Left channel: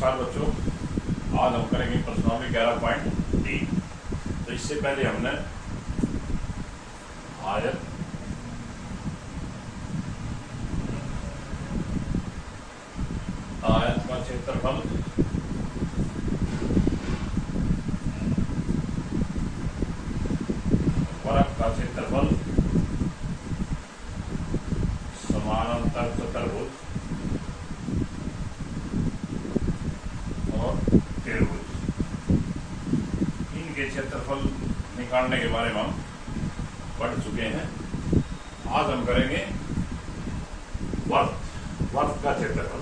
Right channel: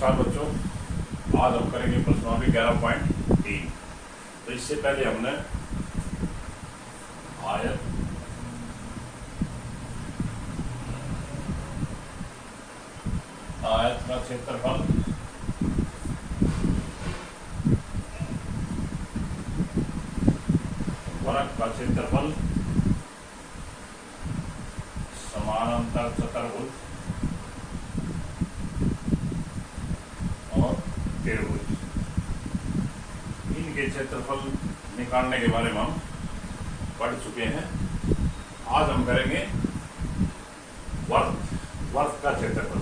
नमस्कार बच्चों, आज हम करेंगे प्रश्नावली 11.3। तो इससे पहले हमने आयत का क्षेत्रफल, वर्ग का क्षेत्रफल, समानांतर चतुर्भुज और त्रिभुज, इनके क्षेत्रफल निकालने के बारे में हम पढ़ चुके हैं। आज हम करेंगे वर्ग का क्षेत्रफल,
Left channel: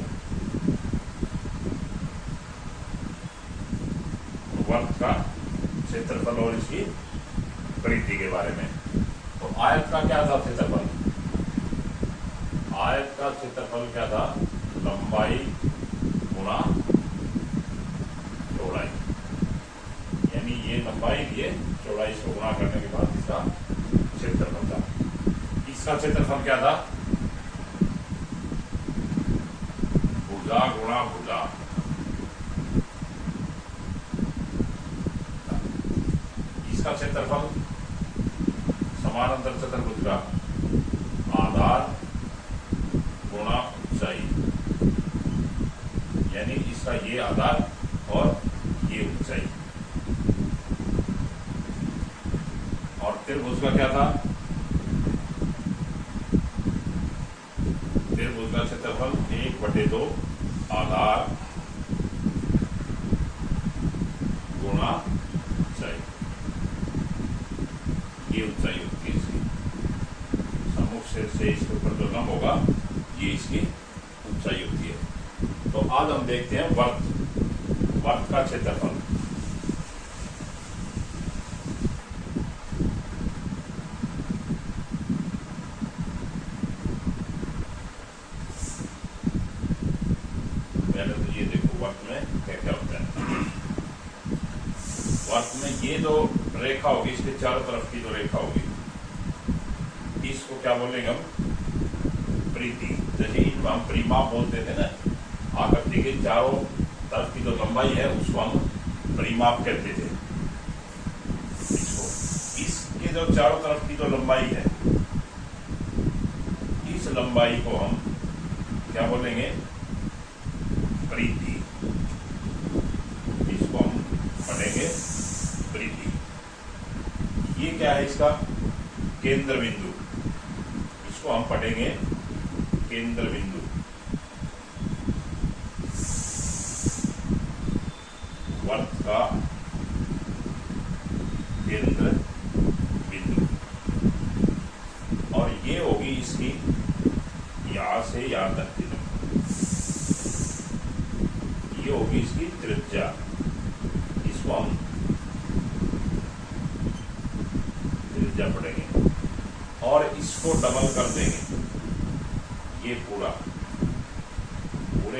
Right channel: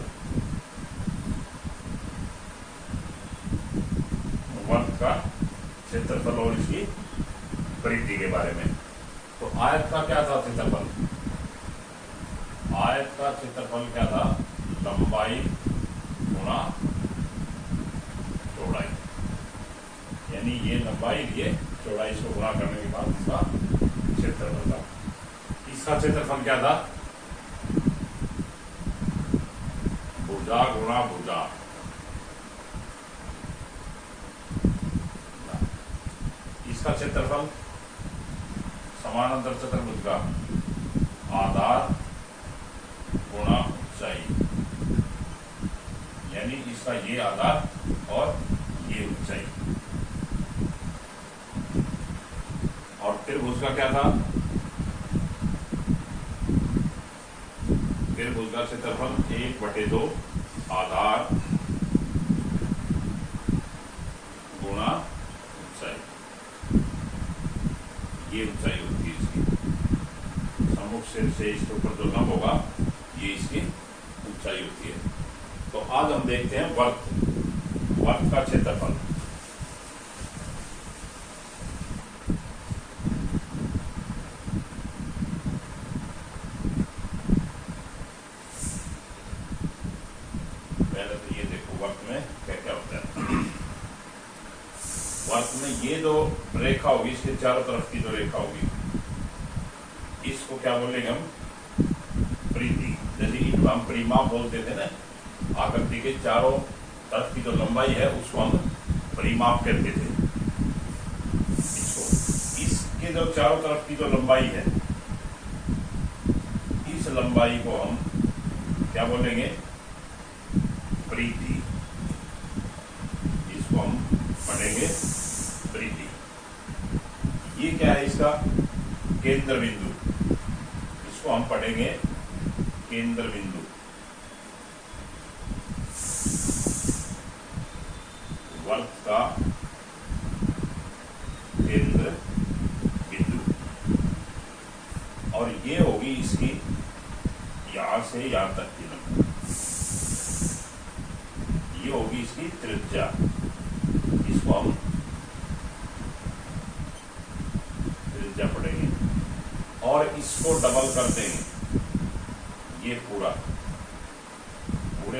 वर्ग का क्षेत्रफल और इसकी परिधि के बारे में। तो आयत का क्या था क्षेत्रफल? आयत का क्षेत्रफल क्या था? लंबाई गुणा चौड़ाई, यानी ये लंबाई ये चौड़ाई को गुणा करने के बाद इसका क्षेत्रफल था। इसका क्षेत्रफल क्या था? भुजा गुणा भुजा। इसका क्षेत्रफल समानांतर चतुर्भुज का आधार गुणा ऊंचाई, यानी इसका ये आधार और ये ऊंचाई। और त्रिभुज का क्या था? त्रिभुज का क्षेत्रफल 1/2 आधार गुणा ऊंचाई, ये ऊंचाई होती है इसकी। सम्मुख सिर से इसके ऊपर जो लंब होगा ये इसकी ऊंचाई होती है। तो आज हम देखते हैं वर्ग का क्षेत्रफल। पहले तो ये देखो वर्ग में क्या क्या होता है। वर्ग में ये जो रेखा होगी, इसके चारों तरफ की जो रेखा होगी, इसको क्या बोलेंगे हम? परिधि। जैसे हम परिमाप बोलते थे ना, आकृति के चारों तरफ की जो लंबाई है उसको हम परिमाप कहते थे। इसके जो चारों तरफ की जो लंबाई है, इस लंबाई को हम क्या बोलेंगे? परिधि। इसको हम पढ़ेंगे परिधि। ये क्या है? इसका केंद्र बिंदु, इसको हम पढ़ेंगे केंद्र बिंदु। वर्ग का केंद्र बिंदु, और ये होगी इसकी यहां से यहां तक की लंबाई, ये होगी इसकी त्रिज्या। इसको हम त्रिज्या पढ़ेंगे और इसको डबल कर देंगे। ये पूरे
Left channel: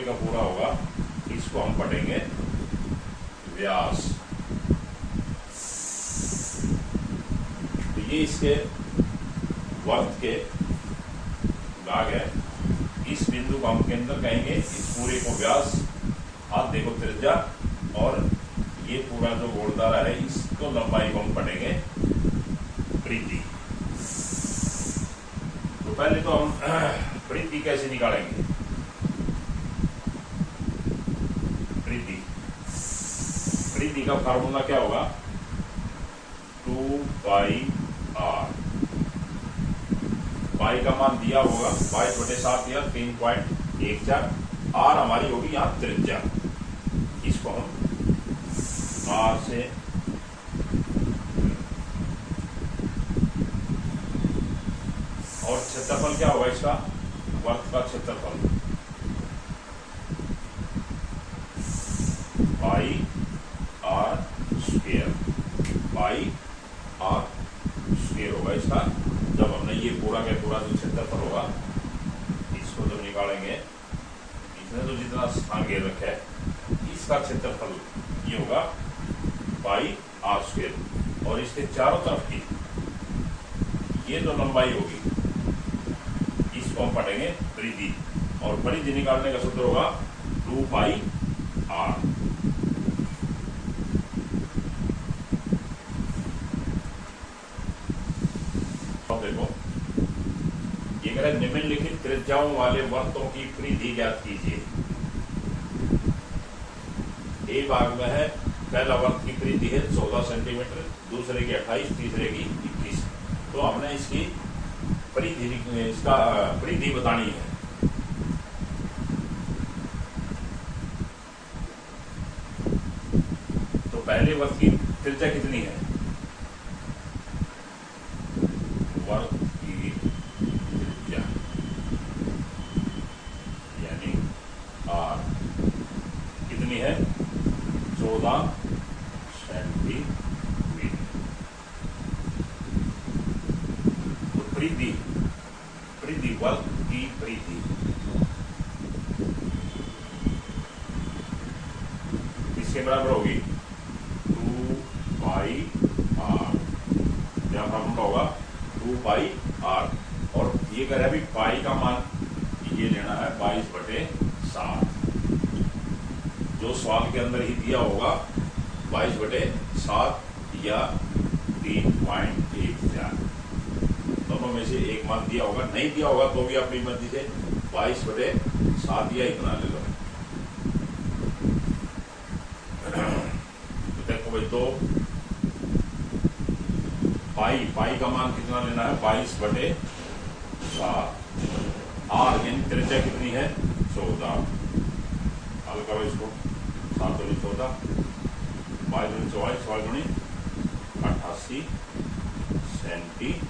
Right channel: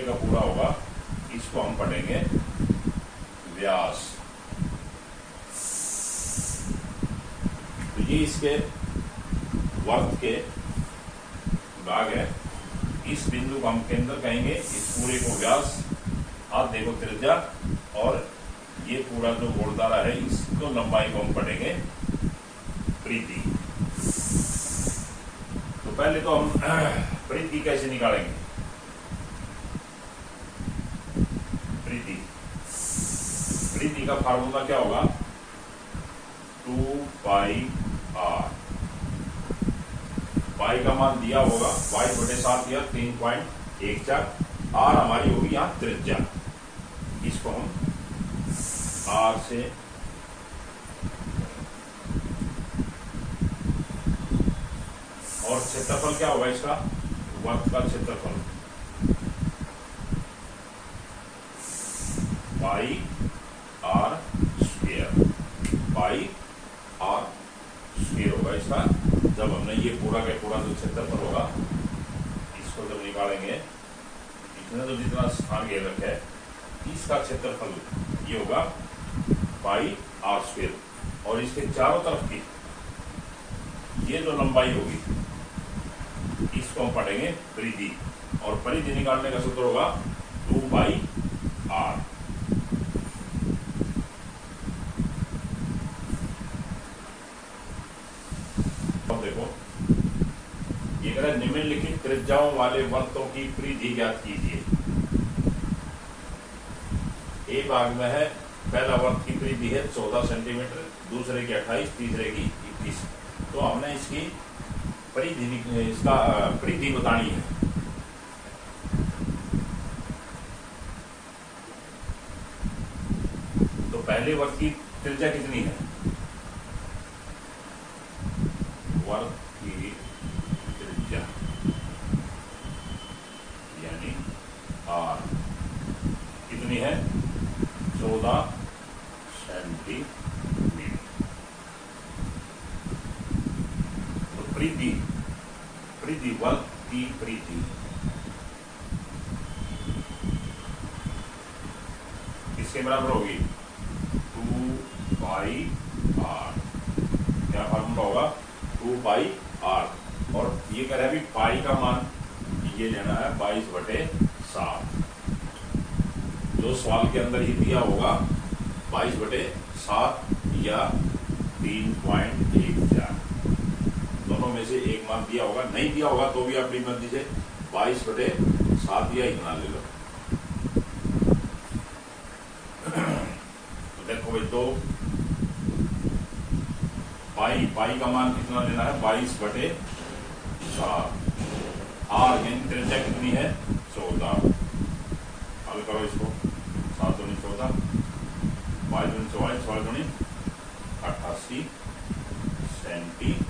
का पूरा होगा, इसको हम पढ़ेंगे व्यास। तो ये इसके वर्ग के भाग है। इस बिंदु को हम केंद्र कहेंगे, इस पूरे को व्यास, हाथ देखो त्रिज्या, और ये पूरा जो गोलदारा है इसको लंबाई को हम पढ़ेंगे परिधि। तो पहले तो हम परिधि कैसे निकालेंगे? परिधि का फार्मूला क्या होगा? 2πr। पाई का मान दिया होगा 22/7 या 3.14। आर हमारी होगी यहाँ त्रिज्या। इसको हम आर से और क्षेत्रफल क्या होगा इसका? वर्ग का क्षेत्रफल pi R square, pi R square होगा इसका। जब हमने ये पूरा का पूरा जो क्षेत्रफल होगा, इसको जब निकालेंगे, इसने तो जितना स्थान घेर रखा है, इसका क्षेत्रफल ये होगा पाई आर स्क्वायर। और इसके चारों तरफ की ये जो लंबाई होगी, इसको हम पढ़ेंगे परिधि। और परिधि निकालने का सूत्र होगा 2πr। निम्नलिखित त्रिज्याओं वाले वृत्तों की परिधि ज्ञात कीजिए। ए भाग में है, पहला वृत्त की परिधि है 14 सेंटीमीटर, दूसरे की 28, तीसरे की 21। तो हमने इसकी परिधि बतानी है। तो पहले वृत्त की त्रिज्या कितनी है? वृत्त की त्रिज्या यानी आर कितनी है? 14 सेंटीमीटर। तो परिधि वृत्त की परिधि किसके बराबर होगी? 2 पाई आर। यहाँ फॉर्मूला होगा 2 पाई आर। और ये कह रहा है अभी पाई का मान ये लेना है 22/7। जो सवाल के अंदर ही दिया होगा 22/7 या 3.14, दोनों में से एक मान दिया होगा। नहीं दिया होगा तो भी अपनी मर्जी से 22/7 या इतना ले लो। तो देखो भाई, तो पाई का मान कितना लेना है? 22/7। आर यानी त्रिज्या कितनी है? 14। हल करो इसको। 7 दूनी 14, 22 दूनी 44, 16 दूनी 88 सेंटीमीटर।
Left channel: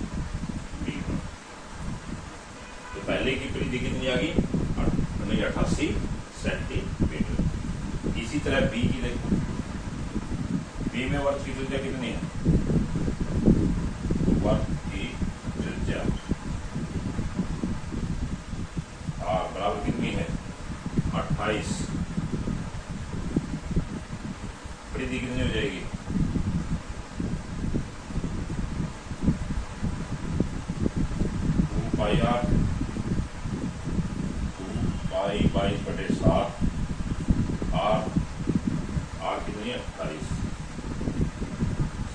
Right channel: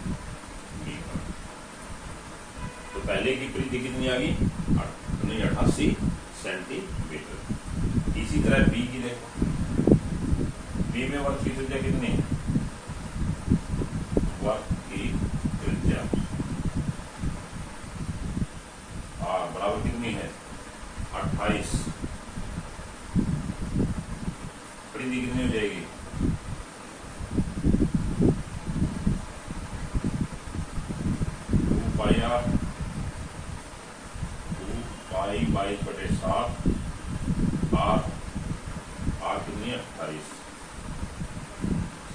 तो पहले की परिधि कितनी आ गई? 88 सेंटीमीटर। इसी तरह बी की देखो। बी में वृत्त की त्रिज्या कितनी है? वृत्त की त्रिज्या बराबर कितनी है? 28। परिधि कितनी हो जाएगी? 2 पाई आर। 2 पाई 22/7 आर कितनी है? 28।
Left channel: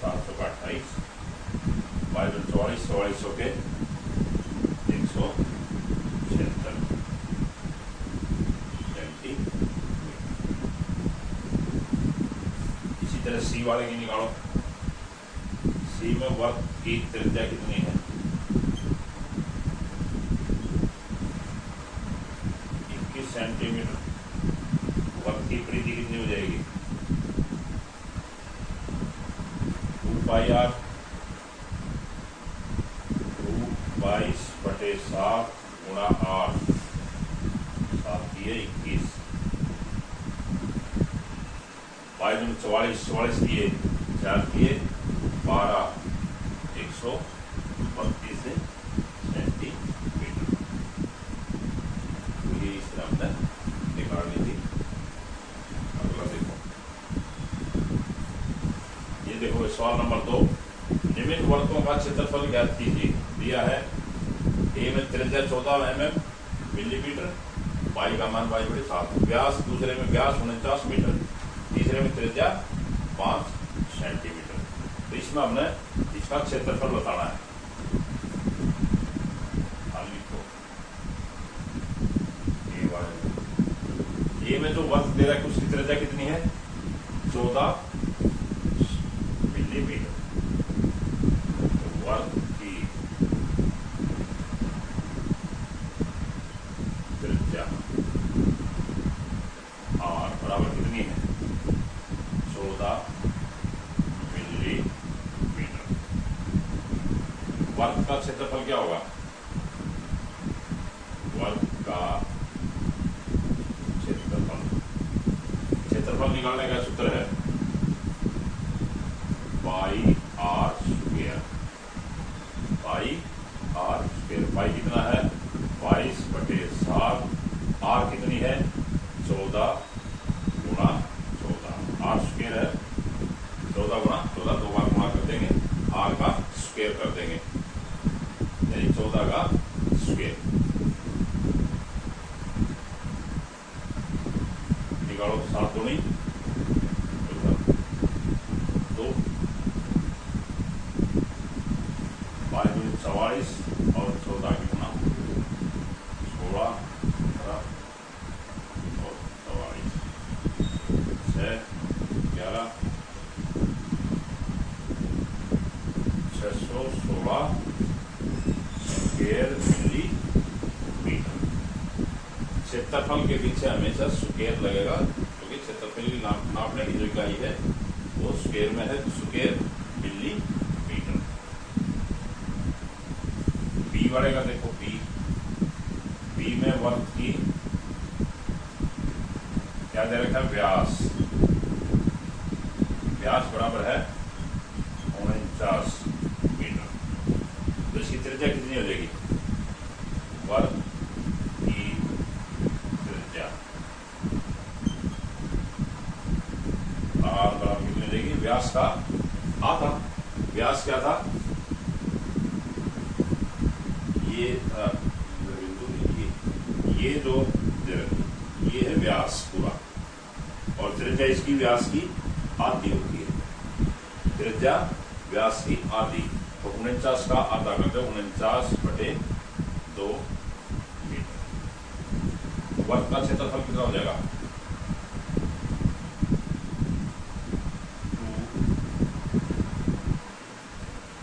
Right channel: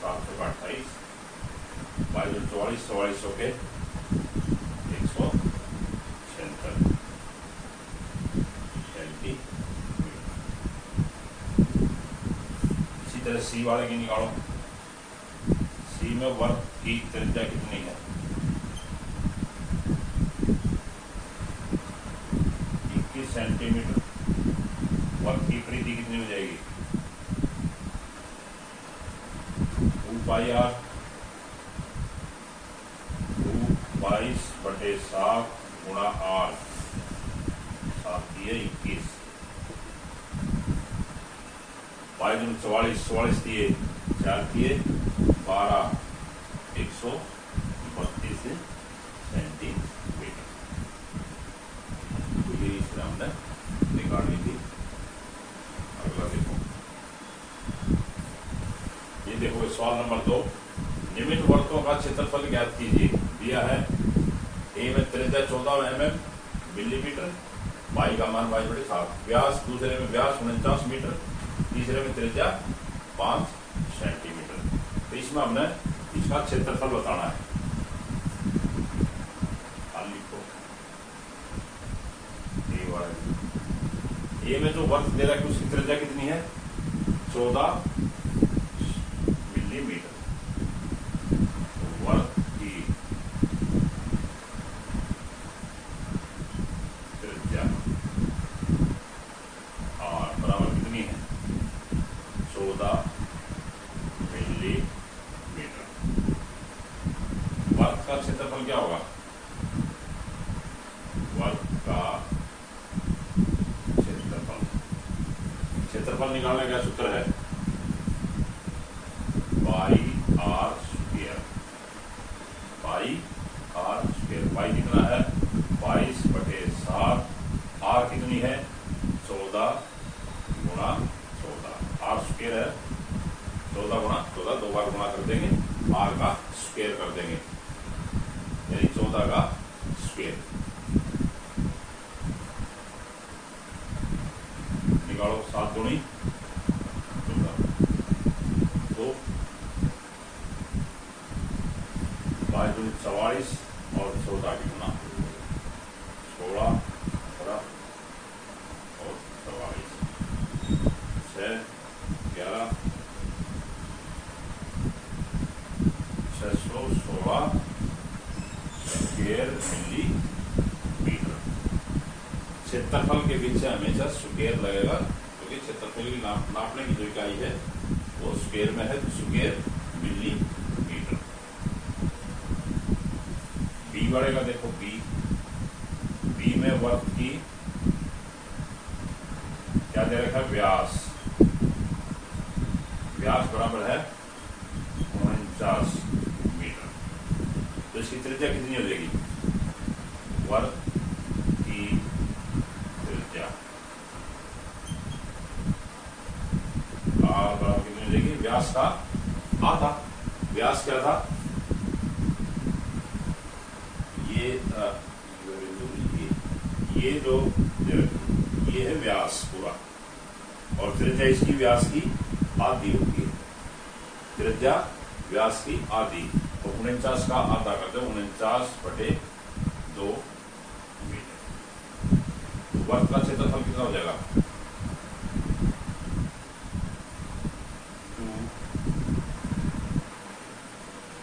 7 का 28, 22 44, 44 के 176 सेंटीमीटर। इसी तरह सी वाले की निकालो। सी में वृत्त की त्रिज्या कितनी है? 21 सेंटीमीटर। वृत्त की परिधि कितनी हो जाएगी? 2 पाई आर। 2 22/7 गुणा आर। 7 दिए 21, 22 44, 44 दिए 4 दिए 12, 132 सेंटीमीटर। तो ये इस तरह हमने निकाल ली थी। अगला देखो, ये देखो सवाल नंबर 2। निम्न वृत्तों का क्षेत्रफल ज्ञात कीजिए। दिया है ए में त्रिज्या 14 mm मिलीमीटर, पाई का मान 22/7। व्यास, दूसरे में व्यास 49 मीटर, तीसरे में त्रिज्या 5 सेंटीमीटर। तो इसमें हमने इसका क्षेत्रफल बताना है। ए में जो वृत्त दे रहा है उसकी त्रिज्या कितनी है? 14 मिलीमीटर। तो वृत्त की त्रिज्या आर बराबर कितनी है? 14 मिलीमीटर। वृत्त का क्षेत्रफल क्या होगा? वृत्त का क्षेत्रफल निकालने का सूत्र है pi R square. Pi R square. Pi कितना है? 22/7। आर कितनी है? 14 गुणा 14। आर स्क्वायर है 14 गुणा 14, 2 बार गुणा कर देंगे, आर का स्क्वायर कर देंगे, यानी 14 का स्क्वायर। निकालो। 7 दूनी 2, 22 दूनी 44 और 14 की गुणा 6 11 616 स्क्वायर मिलीमीटर। क्षेत्रफल के पीछे हमेशा स्क्वायर लगेगा, क्योंकि क्षेत्रफल की नापने की जो इकाई है वो स्क्वायर में है, स्क्वायर मिलीमीटर। बी बढ़ेगा, देखो बी में वर्ग की क्या दे रखा है, व्यास। व्यास बराबर है 49 मीटर। तो इसकी त्रिज्या कितनी हो जाएगी, वर्ग की त्रिज्या आर बराबर कितनी हो जाएगी, व्यास का आधा। व्यास क्या था, ये था, ये जो ये है व्यास पूरा, और त्रिज्या इसकी व्यास की आधी होती है। त्रिज्या व्यास की आधी, तो 49 का आधा करते हैं 49/2 मीटर। तो वर्ग का क्षेत्रफल कितना हो जाएगा,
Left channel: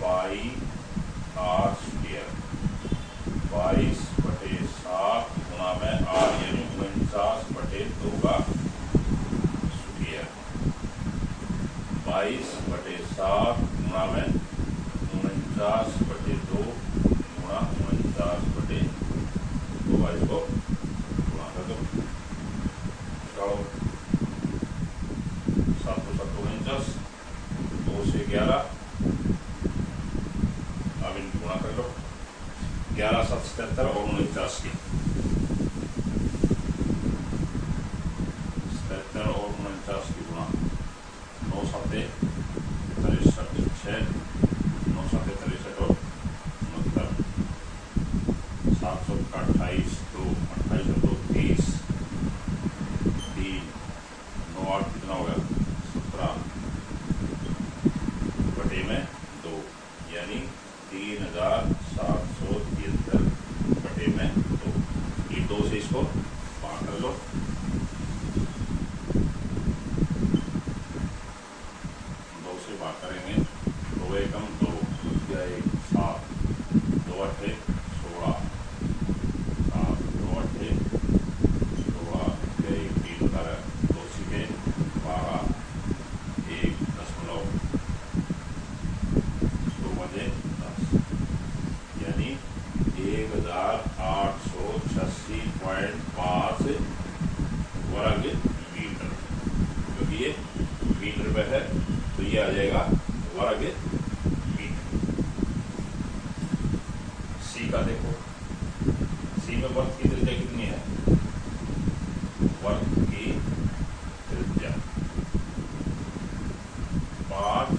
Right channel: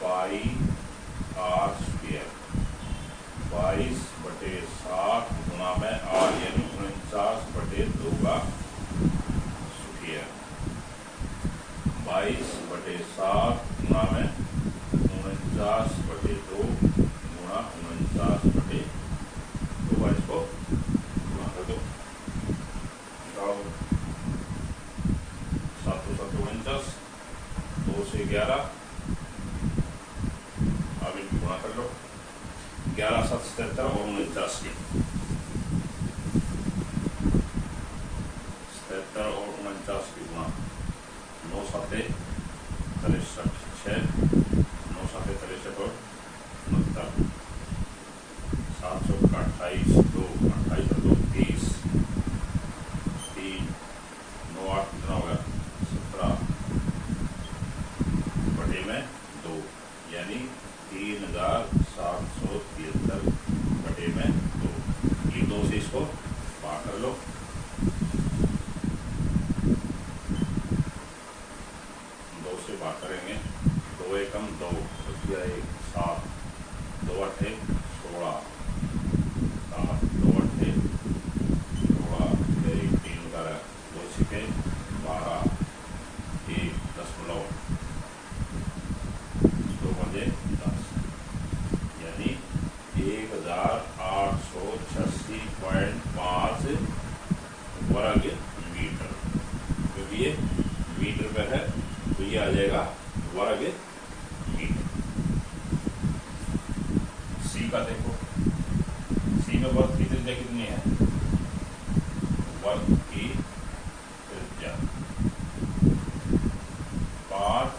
2πr², 22/7 गुणा में आर, यानी 49/2 का स्क्वायर। 22/7 गुणा में 49/2 गुणा 49/2, इसको गुणा कर दो, 7 तो 49, 2 से 11, अब इनको गुणा कर लो, 11 7 77 और 49 की 77 और 49 की गुणा, 9 7 63 6, 9 7 63 और 69, 700 का 28 2 28 और 2 30, 3 9 8 कितना हो गया, 17 बटे में 2, यानी 3773 बटे में 2। ये 2 से इसको भाग कर लो, 2 से भाग करेंगे, 2 एकम 2, 1 7, 2 8 16, 7 2 8 16, 3 12, 2 सिक्के 12, 1 दशमलव 2 बजे 10, यानी 1886.5 वर्ग मीटर। क्योंकि ये मीटर पे है तो ये आ जाएगा वर्ग मीटर। सी का देखो, सी में वर्ग की त्रिज्या कितनी है, वर्ग की त्रिज्या 5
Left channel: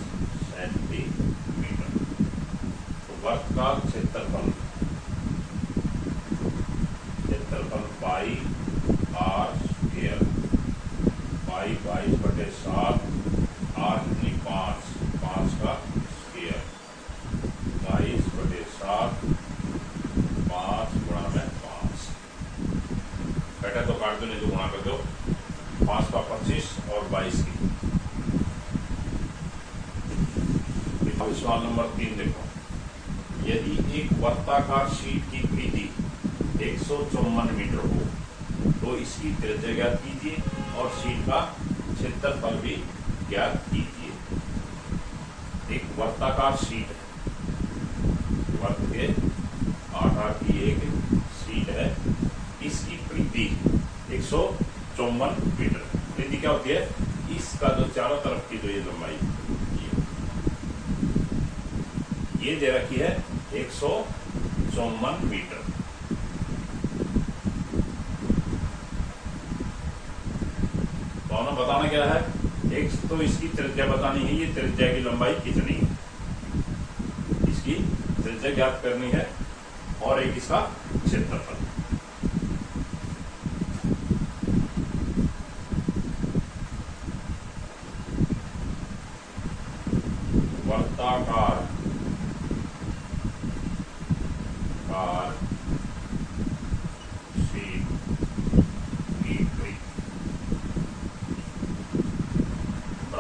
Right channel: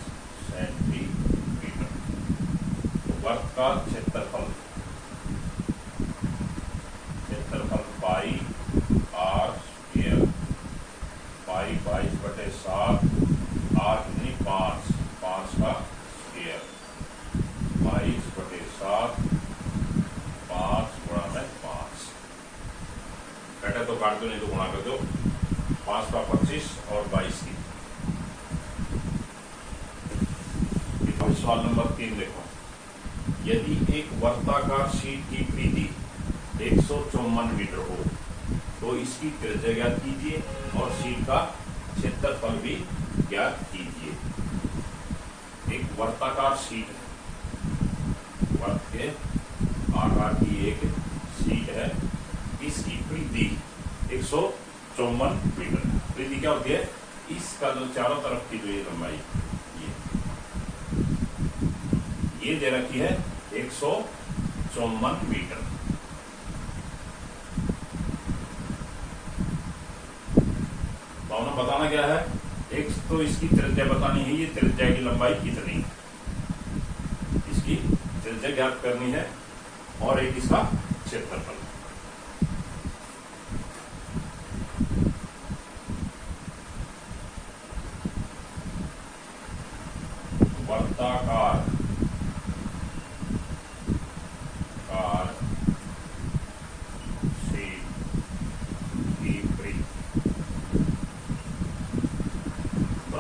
सेंटीमीटर। तो वर्ग का क्षेत्रफल pi R square, pi 22/7, are कितनी 5 का स्क्वायर, 22/7 5 गुणा में 5, बेटा तो काट दो, नहीं तो गुणा कर दो, 5 का 25 और 22 की। सवाल नंबर 3 देखो, यदि एक वर्ताकार शीट की परिधि 154 मीटर हो तो इसकी त्रिज्या ज्ञात कीजिए और शीट का क्षेत्रफल भी ज्ञात कीजिए। एक वर्ताकार शीट, वर्ग के आकार की एक शीट है, इसकी परिधि 154 मीटर। परिधि क्या होती है, इसका जो चारों तरफ की जो ये लंबाई ये दे रखी है 154 मीटर। तो हमें बताना क्या है, एक तो इसकी त्रिज्या बतानी है, ये त्रिज्या की लंबाई कितनी है, इसकी त्रिज्या ज्ञात करनी है, और एक इसका क्षेत्रफल। वर्ताकार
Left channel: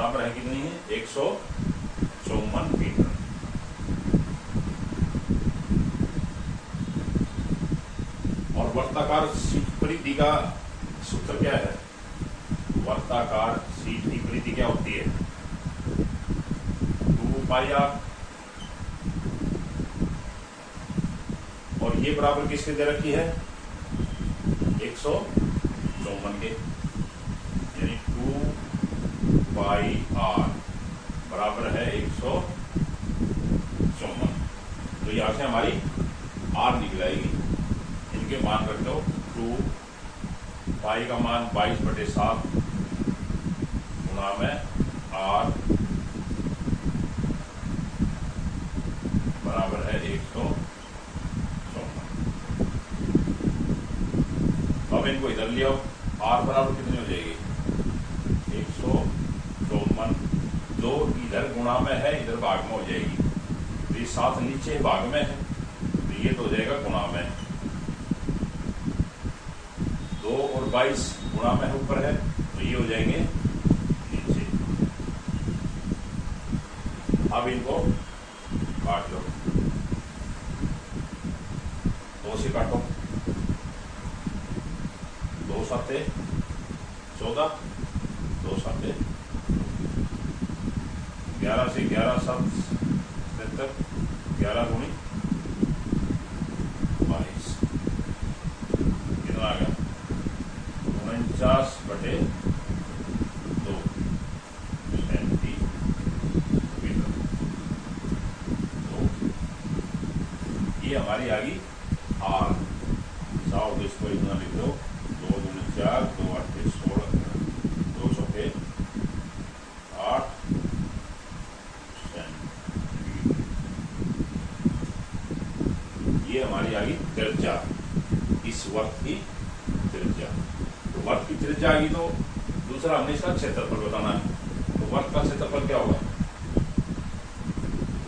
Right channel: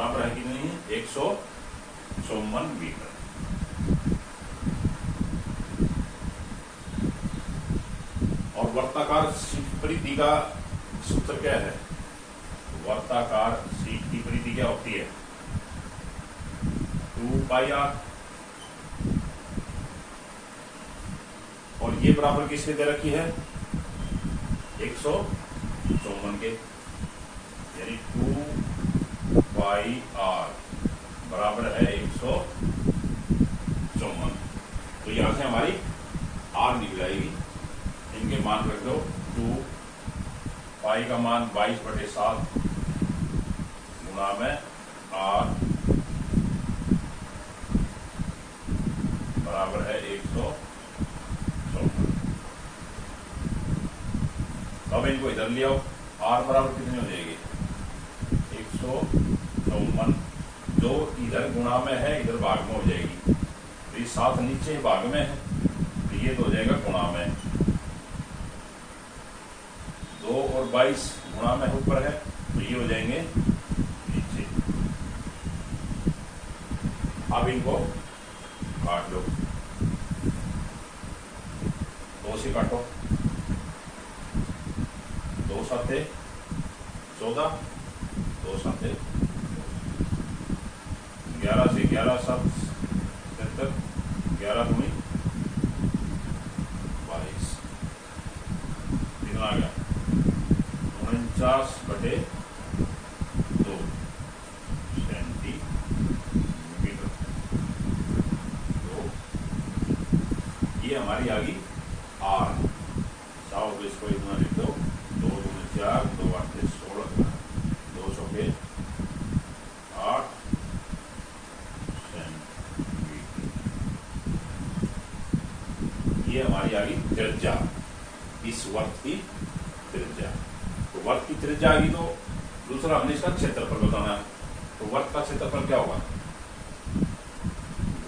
बराबर है कितनी है 154 मीटर। और वर्ताकार शीट परिधि का सूत्र क्या है? वर्ताकार शीट की परिधि क्या होती है? 2πr। और ये बराबर किसके दे रखी है? 154 के, यानी 2πr बराबर है 154। तो यहां से हमारी आर निकल आएगी। इनके मान रख दो। 2 पाई का मान 22/7 गुणा में आर बराबर है 154। अब इनको इधर ले आओ। आर बराबर कितनी हो जाएगी? 154। जो इधर गुणा में है इधर भाग में हो जाएगी। तो ये 7 नीचे भाग में है तो ये तो हो जाएगा गुणा में। 2 और 22 गुणा में ऊपर है तो ये हो जाएंगे नीचे। अब इनको काट लो। 2 से काटो। 2 7 14, 2 7 11 से 11 7 77, 11 दूनी 22। कितना आ गया? 49/2 सेंटीमीटर। तो ये हमारी आ गई आर। साव तो इसको इतना लिख दो। 2 दूनी 4, 2 8 16, 2 चौके 8 सेंटीमीटर। ये हमारी आ गई त्रिज्या, इस वर्त की त्रिज्या। तो वर्त की त्रिज्या आ गई तो दूसरा हमने इसका क्षेत्रफल बताना है। तो वर्त का क्षेत्रफल क्या होगा?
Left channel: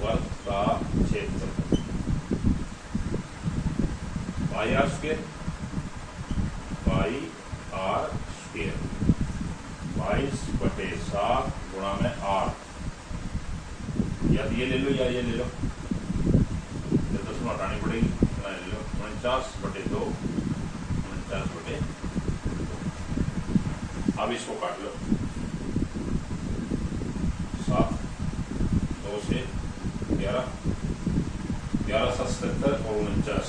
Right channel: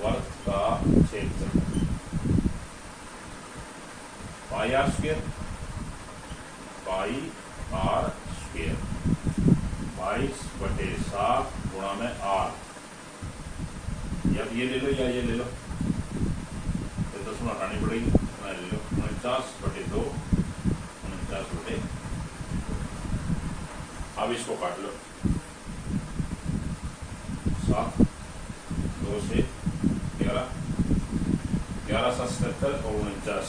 वर्त का क्षेत्रफल πr², πr², 22/7 गुणा में आर। या ये ले लो या ये ले लो, तो 10 हटानी पड़ेगी। ले लो 49/2, 49/2। अब इसको काट लो। 7, 2 से 11, 11 7 77 और 49,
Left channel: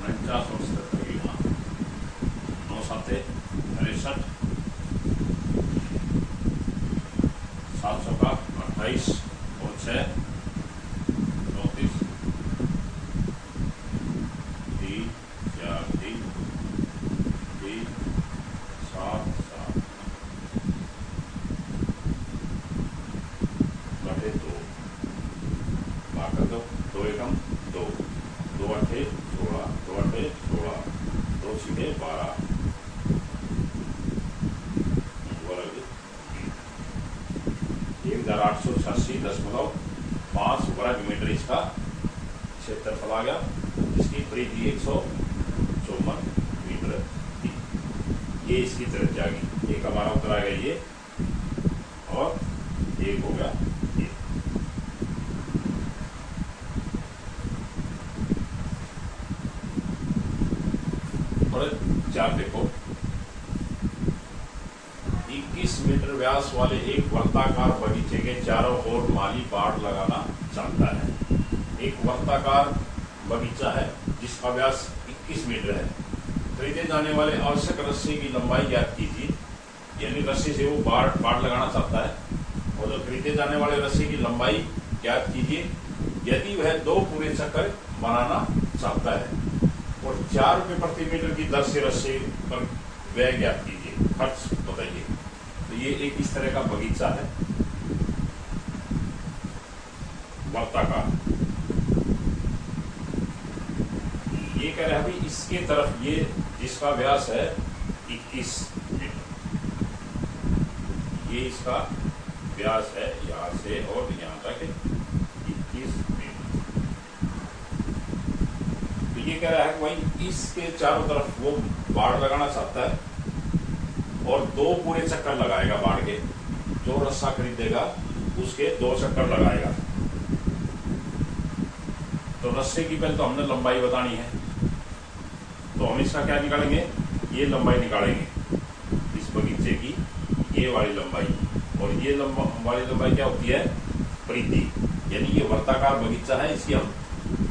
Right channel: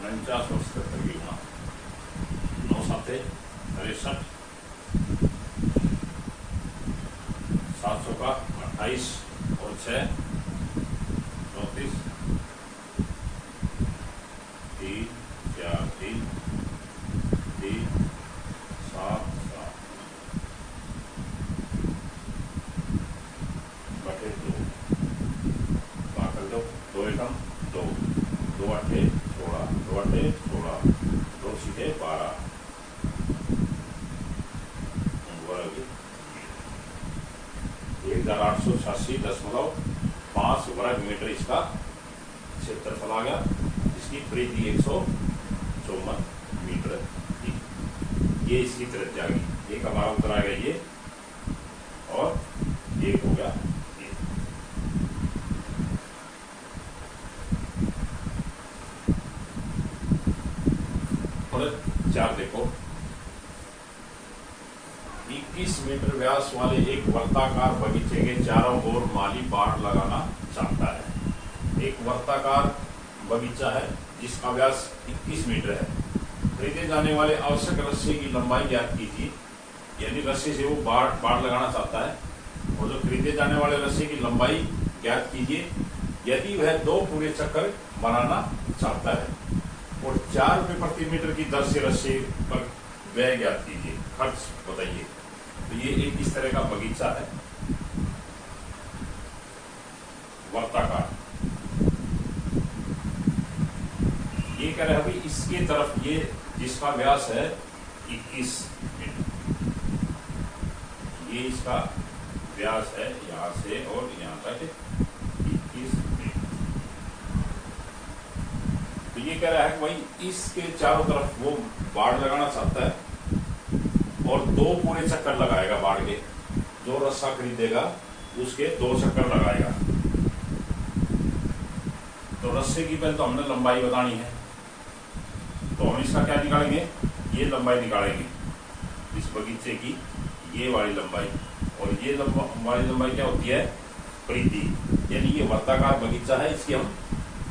49 और 77 की गुणा 9 7 63, 700 का 28 और 6 34, 3 4 3 3 7 7 बटे 2 बाकर दो। 2 एकम 2, 2 8 16, 2 8 16, 2 सीधे 12 वर्ग 1886.5 वर्ग मीटर इसका क्षेत्रफल आ गया, जिसकी परिधि 154 मीटर थी। ये इसकी त्रिज्या आ गई। एक हमारा उत्तर आ गया ये, और एक होगा ये। और 4 देखो। 21 मीटर व्यास वाले एक वर्ताकार बगीचे के चारों ओर माली बाड़ लगाना चाहता है। एक वर्ताकार बगीचा है जिसका व्यास 21 मीटर है। खरीदे जाने वाले आवश्यक रस्सी की लंबाई ज्ञात कीजिए। यानी रस्सी से वो बाड़ लगाना चाहता है, और जो खरीदे जाने वाले रस्सी की लंबाई ज्ञात कीजिए यदि वह 2 पूरे चक्कर बनाना चाहता है, और 4 रुपये प्रति मीटर की दर से रस्सी पर व्यय ज्ञात कीजिए, खर्च बताइए। तो ये एक इस तरह का बगीचा है वर्ताकार। ये कह रहे हैं भाई इसके तरफ ये जिसका व्यास है 21 मीटर, ये इसका व्यास है यहां से और यहां तक 21 मीटर। तो ये कह रहा है कि भाई इसके चारों तरफ वो बाड़ लगाना चाहता है, और 2 पूरे चक्कर लगाएगा बाढ़ के। जो रस्सा खरीदेगा उसके 2 चक्कर लगाएगा। तो रस्से की पहले तो हमने लंबाई बतानी है, तो हम इसका क्या निकालेंगे, ये लंबाई निकालेंगे इस बगीचे की, ये वाली लंबाई। और ये वाली लंबाई क्या होती है, परिधि, यानी ये वर्ताकार बगीचा है, इसकी हम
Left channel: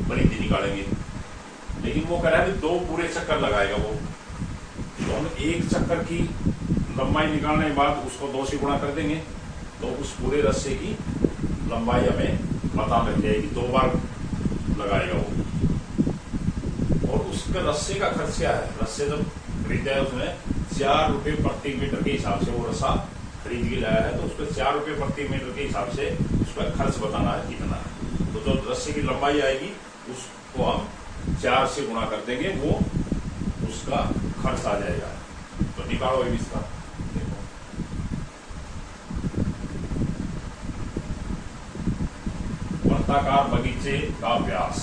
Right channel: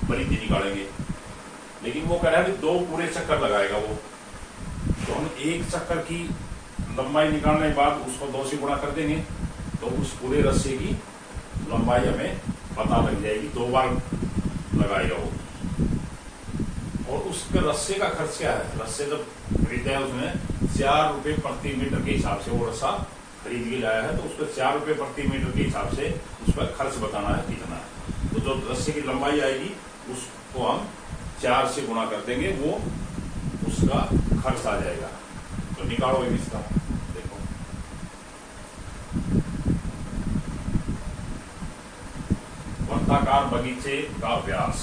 परिधि निकालेंगे। लेकिन वो कह रहा है 2 पूरे चक्कर लगाएगा वो, तो हम 1 चक्कर की लंबाई निकालने के बाद उसको 2 से गुणा कर देंगे, तो उस पूरे रस्से की लंबाई हमें पता लग जाएगी। 2 बार लगाएगा वो। और उसके रस्से का खर्च क्या है, रस्से जब खरीदा है उसमें 4 रुपए प्रति मीटर के हिसाब से वो रस्सा खरीद के लाया है, तो उसको 4 रुपए प्रति मीटर के हिसाब से उसका खर्च बताना है कितना है। तो जो रस्से की लंबाई आएगी उसको हम 4 से गुणा कर देंगे, वो उसका खर्च आ जाएगा। तो निकालो इसका, देखो वर्ताकार बगीचे का व्यास,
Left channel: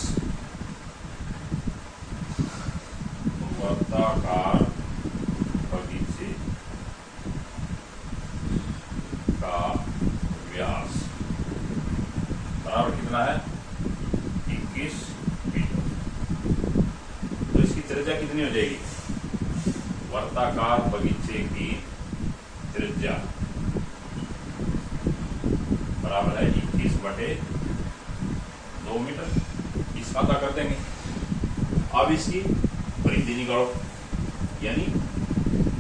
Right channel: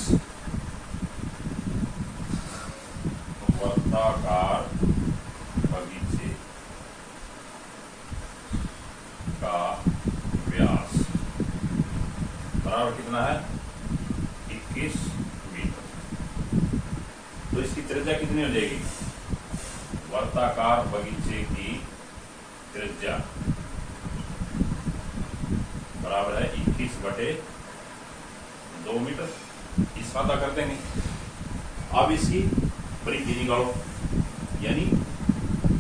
वर्ताकार बगीचे का व्यास बराबर कितना है, 21 मीटर। तो इसकी त्रिज्या कितनी हो जाएगी, वर्ताकार बगीचे की त्रिज्या बराबर है 21/2 मीटर। इसका क्या कर देंगे। अब इसकी परिधि निकालो, यानी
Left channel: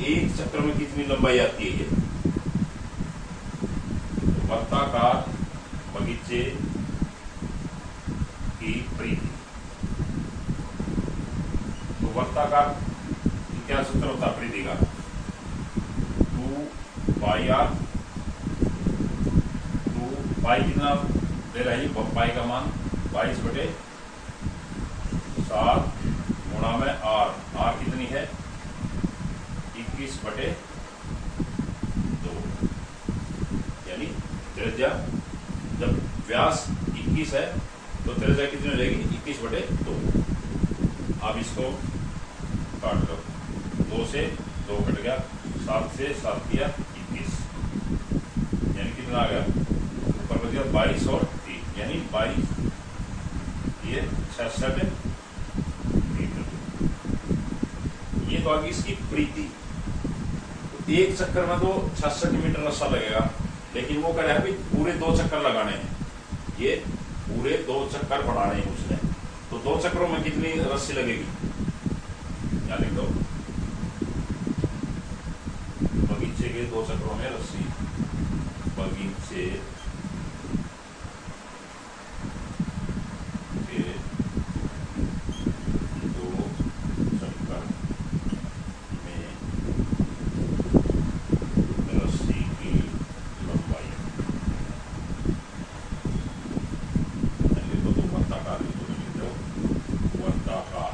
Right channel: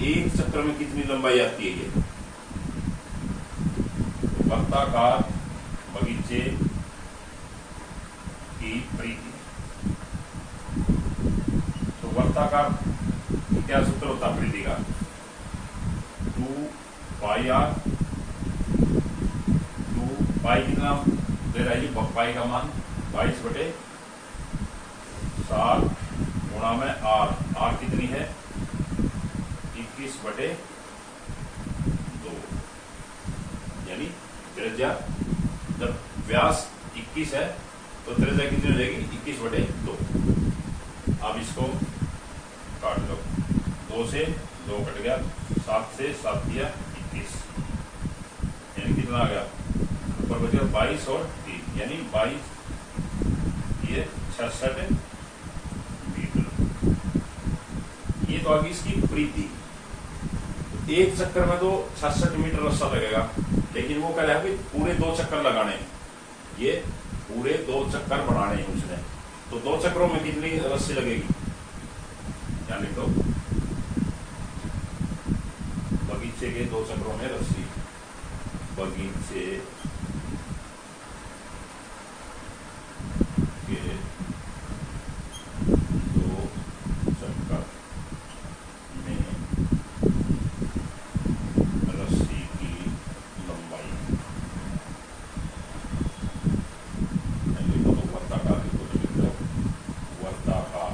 1 चक्कर में कितनी लंबाई आती है ये। तो वर्ताकार बगीचे की परिधि, तो वर्ताकार क्या सूत्र होता है परिधि का, 2πr। 2π कितना दे रहा है, पाई का मान 22/7 गुणा में r। r कितनी है, 21/2, यानी त्रिज्या, जब व्यास 21 है तो त्रिज्या कितनी हो जाएगी, 21/2। अब इसको काट लो, 2 से 2 कट गया, 7 से 7 किया 21, यानी कितना आ गया, ऊपर बच गया 22 और 3, यानी 22, ये 66 मीटर। ये तो आगे इसकी परिधि। 1 चक्कर में तो 66 मीटर रस्सा लगेगा, लेकिन वो कह रहा है भाई पूरे 2 चक्कर लगाने हैं, ये पूरे 2 चक्कर बढ़ाने हैं उसने। तो 2 चक्करों में कितनी रस्सी लगेगी, यानी तो बगीचे के 2 चक्करों में रस्सी, बगीचे के 2 चक्कर में रस्सी की लंबाई, वर्ताकार, वर्ताकार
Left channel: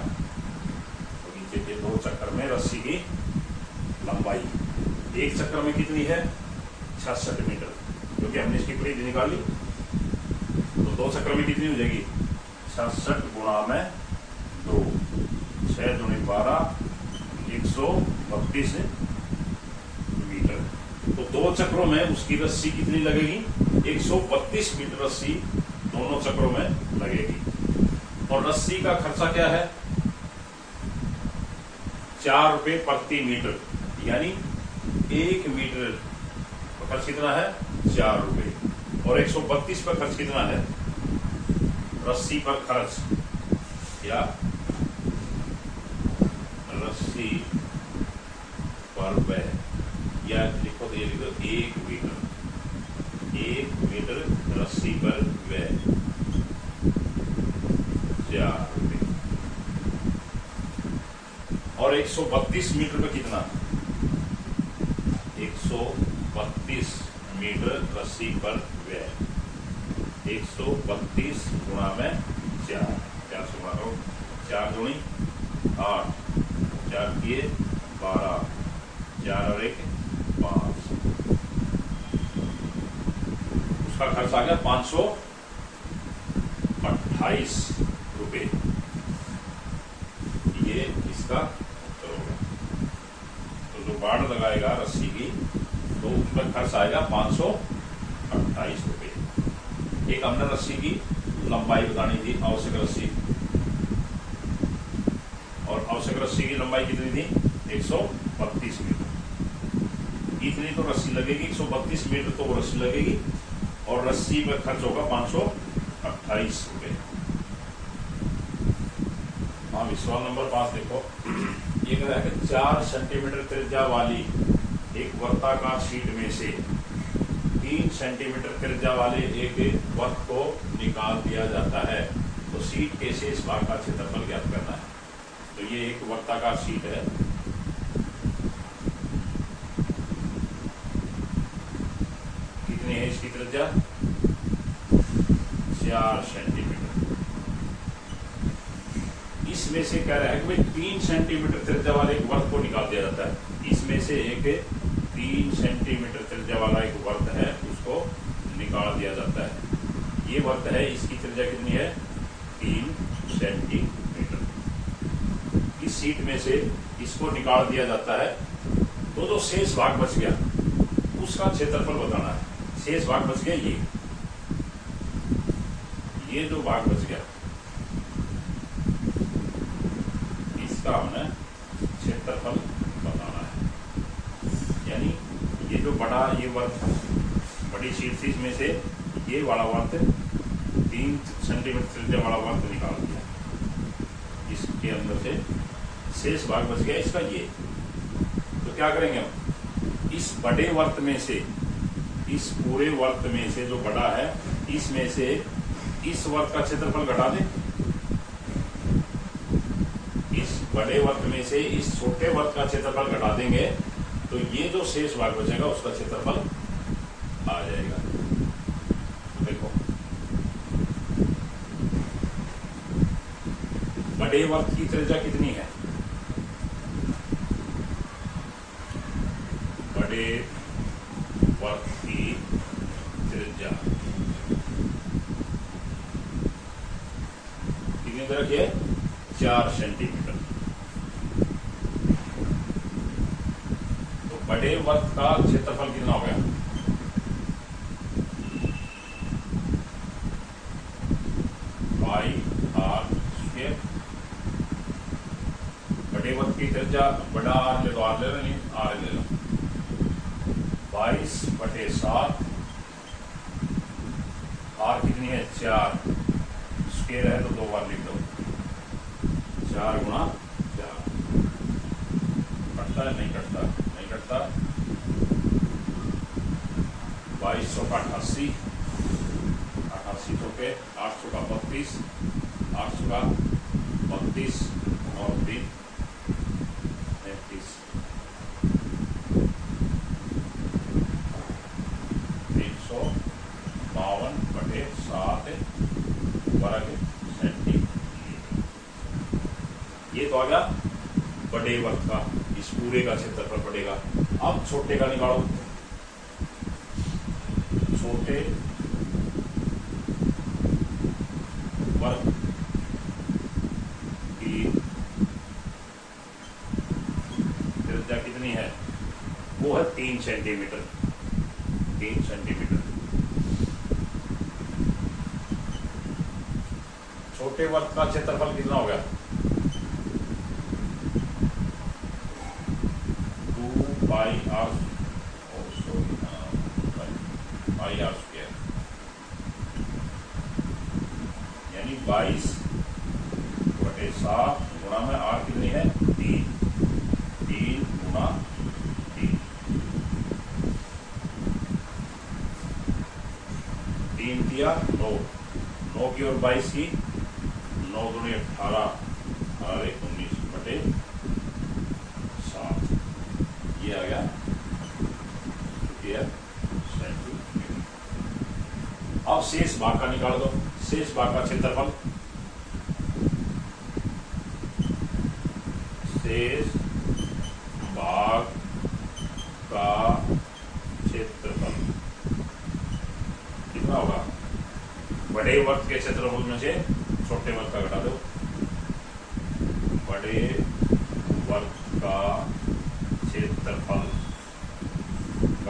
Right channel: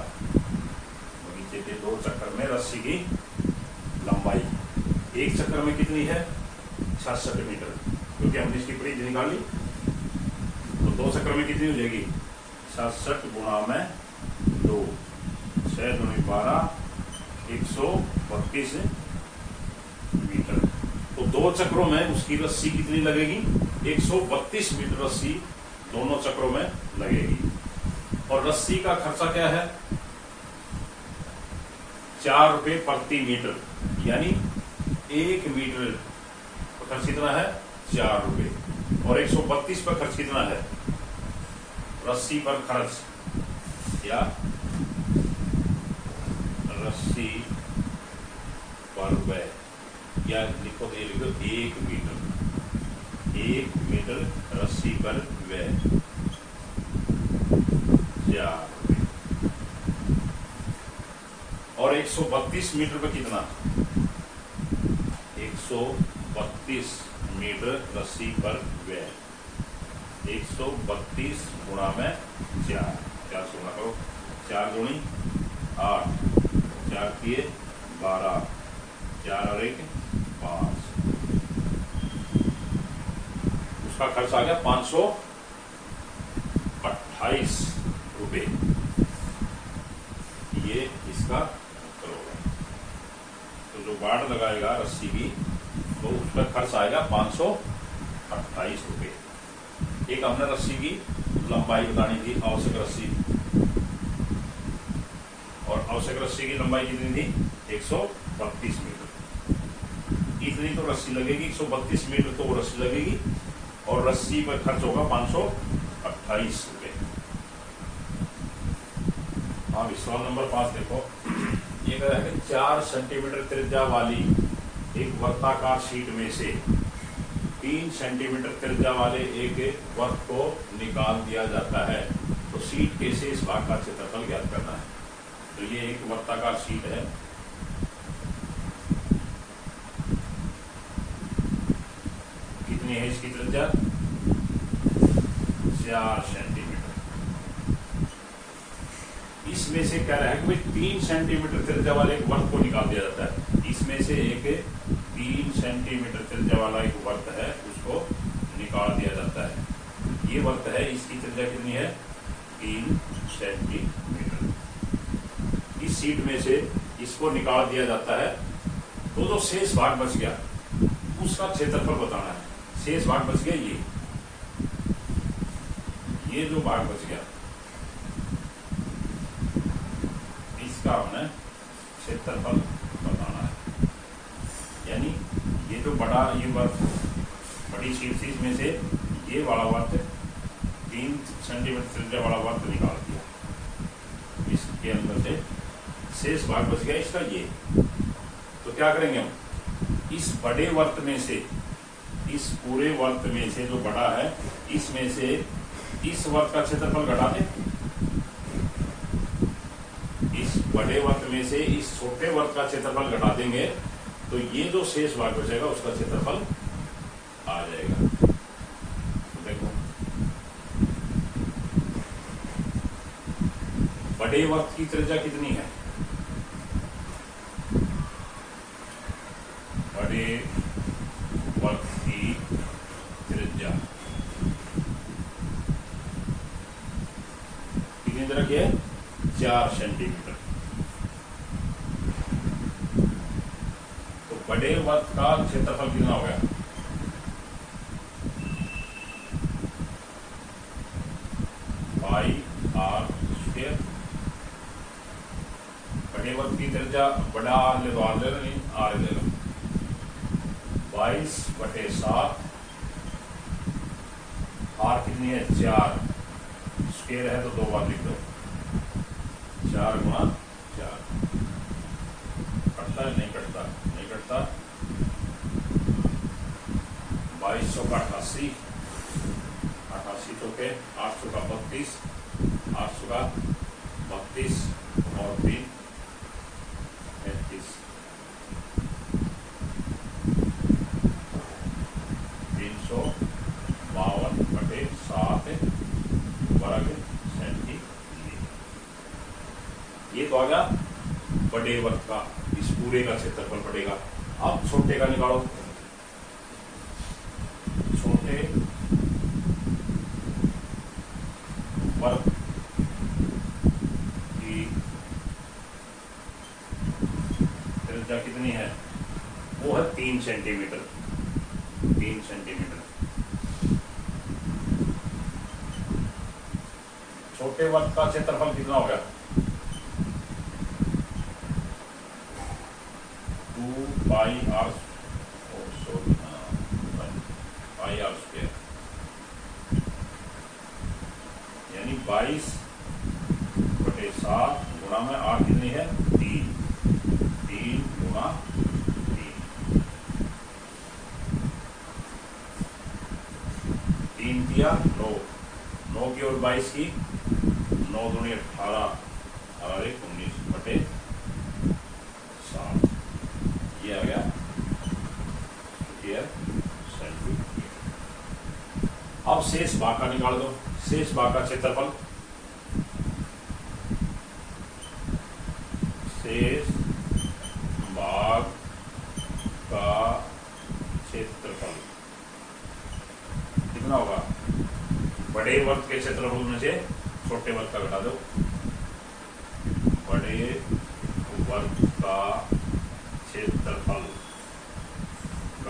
बगीचे के 2 चक्कर में रस्सी की लंबाई। 1 चक्कर में कितनी है, 66 मीटर, क्योंकि हमने इसकी परिधि निकाल ली। तो 2 चक्कर में कितनी हो जाएगी, 66 गुणा में 2, 6 दूनी 12, 132 मीटर। तो 2 चक्रों में उसकी रस्सी कितनी लगेगी, 132 मीटर रस्सी दोनों चक्रों में लगेगी। और रस्सी का खर्चा क्या है, 4 रुपए प्रति मीटर, यानी 1 मीटर पर खर्च कितना है, 4 रुपए। और 132 पर खर्च कितना है, रस्सी पर खर्च, या रस्सी पर व्यय, या लिखो तो ये लिखो 1 मीटर, 1 मीटर रस्सी पर व्यय 4 रुपए। और 132 मीटर पर कितना, 132 मीटर रस्सी पर व्यय, 132 गुणा में 4, 4 से गुणा करो, 4 दूनी 8, 4 किए 12, 4 और 1 5, उसका खर्च आ गया 528 रुपए। ये इसका करोड़। तो तो जो बाड़ लगाएगा रस्सी की तो उस पर खर्च आएगा 528 रुपये। एक हमने रस्सी की लंबाई बतानी थी, आवश्यक रस्सी, और आवश्यक रस्सी की लंबाई कितनी थी 132 मीटर। इतनी तो रस्सी लगेगी, 132 मीटर तो वो रस्सी लगेगी और रस्सी पर खर्च होगा 528 रुपये। हाँ, सवाल नंबर 5 देखो, ये कह रहा है कि 4 सेंटीमीटर त्रिज्या वाली एक वर्ताकार शीट में से 3 सेंटीमीटर त्रिज्या वाले एक वृत्त को निकाल दिया जाता है, तो शीट के शेष भाग का क्षेत्रफल ज्ञात करना है। तो ये एक वर्ताकार शीट है, कितनी है इसकी त्रिज्या 4 सेंटीमीटर। इसमें से क्या रहा है कि भाई 3 सेंटीमीटर त्रिज्या वाले एक वर्त को निकाल दिया जाता है। इसमें से एक 3 सेंटीमीटर त्रिज्या वाला एक वर्त है, उसको निकाल दिया जाता है। ये वर्त है, इसकी त्रिज्या कितनी है 3 सेंटीमीटर। इस शीट में से इसको निकाल दिया जाता है, तो जो शेष भाग बच गया उसका क्षेत्रफल बताना है। शेष भाग बच गया ये जो भाग बच गया इसका हमें क्षेत्रफल बताना है। यानी ये जो ये वर्त बड़ी शीट थी, इसमें से ये वाला वर्त 3 सेंटीमीटर त्रिज्या वाला वर्त निकाल दिया, इसके अंदर से शेष भाग बच गया इसका ये। तो क्या करेंगे हम, इस बड़े वर्त में से, इस पूरे वर्त में से जो बड़ा है, इसमें से इस वर्त का क्षेत्रफल घटा दें। इस बड़े वर्त में से इस छोटे वर्त का क्षेत्रफल घटा देंगे, तो ये जो शेष भाग बचेगा उसका क्षेत्रफल आ जाएगा। देखो, बड़े वर्त की त्रिज्या कितनी है, बड़े वर्त की त्रिज्या कितनी दे रखी है 4 सेंटीमीटर। तो बड़े वर्त का क्षेत्रफल कितना हो गया, पाई आर स्क्वायर। बड़े वर्त की त्रिज्या, बड़ा आर ले लो, आर ले लो, नहीं आर ले लो, 22/7। आर कितनी है 4, स्क्वायर है तो 2 बार लिख दो, 4 गुणा 4। कटता है नहीं कटता, नहीं कटता। 2200 का 88, 88 तो पे 800 का 32, 800 का 32 और 3 33, 352/7 वर्ग सेंटीमीटर। ये तो आ गया बड़े वर्त का, इस पूरे का क्षेत्रफल पड़ेगा। अब छोटे का निकालो, छोटे वर्त की त्रिज्या कितनी है, वो है 3 सेंटीमीटर। 3 सेंटीमीटर। छोटे वर्त का क्षेत्रफल कितना हो गया 2 पाई आर स्क्वायर, यानी 22/7 गुणा में आर कितनी है 3 गुणा 3, 3 दिया 9, 9 की और 22 की, 9 दूनी 18, 18 एक 19/7। ये आ गया सेंटीमीटर। अब शेष भाग का निकाल दो, शेष भाग का क्षेत्रफल, शेष भाग का क्षेत्रफल कितना होगा, बड़े वर्त के क्षेत्रफल में से छोटे वर्त का घटा दो। बड़े वर्त का क्षेत्रफल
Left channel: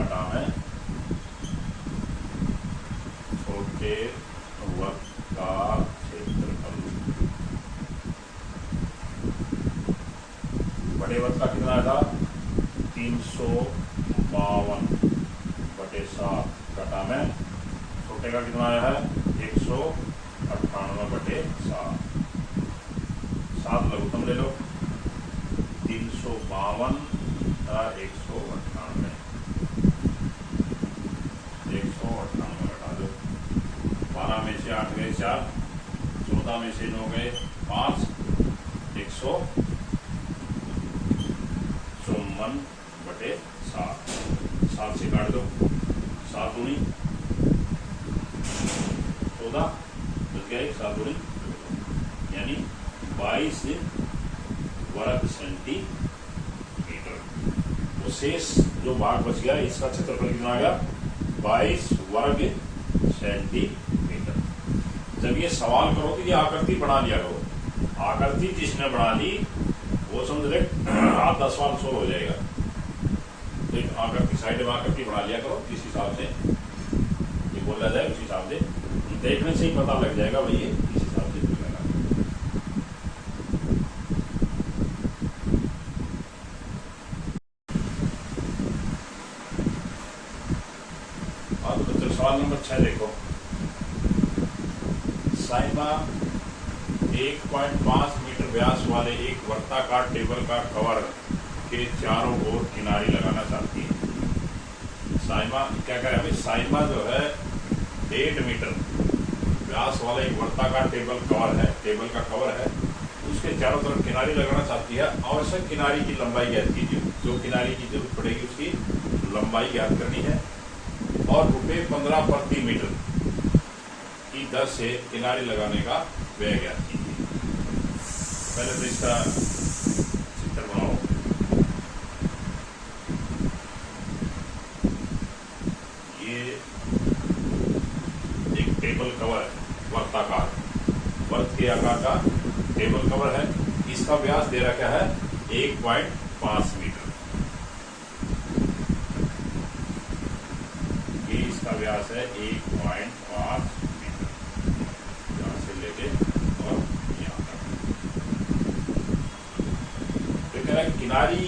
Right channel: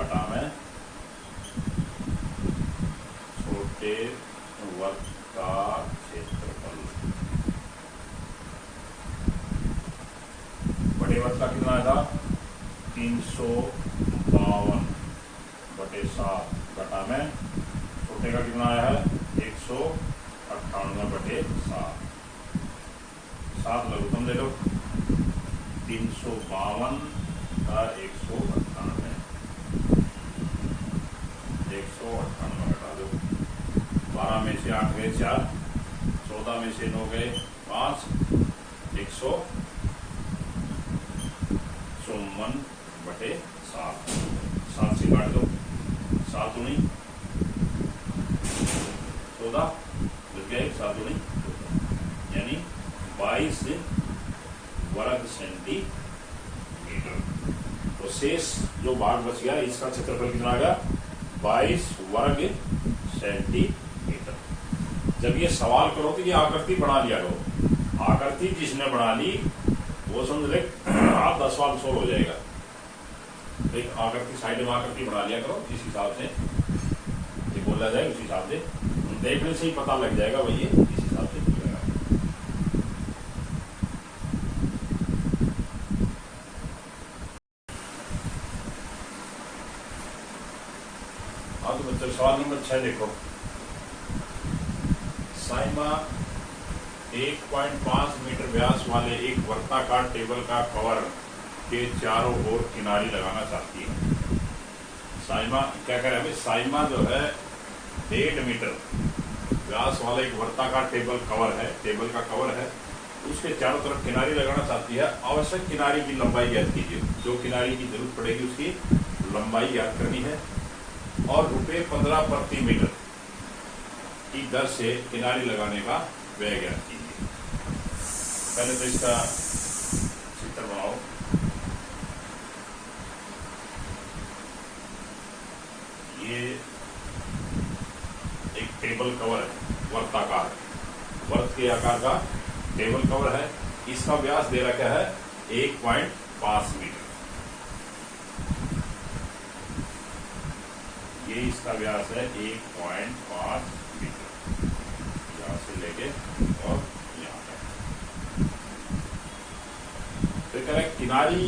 घटा में छोटे वर्ग का क्षेत्रफल। बड़े वर्ग का कितना आया था 352/7 घटा में छोटे का कितना आया है 198/7। 7 लघुत्तम ले लो 352 का 198 घटा दो। 12 में से 8 गए 4, 14 में से 9 गए 5, 154/7। 7 से काट दो 7 दूनी 14 बच गए 7 दूनी 14 यानी 22 वर्ग सेंटीमीटर। तो शेष जो भाग बच गया इसका क्षेत्रफल कितना आ गया 22 वर्ग सेंटीमीटर। जब ये सवाल करो तो ये आकृति बना लिया करो। आकृति जिसने बना ली वो समझ ले आप 10 सवाल सोल्व हो जाएगा। तो एक आकृति साइड में आकृति बना लिया करो जिस हिसाब से ये बोला जाए उस हिसाब से देखने से ही पता लग जाएगा भाई ये इस हिसाब से मिलेगा। हाँ तो बच्चों सवाल नंबर 6 देखो। साइमा 1.5 मीटर व्यास वाले एक वर्ताकार टेबल का कवर के चारों ओर किनारी लगाना चाहती है। साइमा क्या करे अभी साइमा जो है 1.5 मीटर व्यास वाला एक वर्ताकार टेबल का कवर है उसके चारों तरफ किनारी लगाना चाहती है। आवश्यक किनारी की लंबाई ज्ञात कीजिए। जो किनारी की जरूरत पड़ेगी उसकी लंबाई ज्ञात करनी है और ₹15 प्रति मीटर की दर से किनारी लगाने का व्यय ज्ञात कीजिए। पहले तो इसका चित्र बनाओ। ये एक टेबल कवर है वर्ताकार वर्त के आकार का टेबल कवर है। इसका व्यास दे रखा है 1.5 मीटर। ये इसका व्यास है 1.5 मीटर यहां से लेके और यहां तक। तो कह रहा है किनारी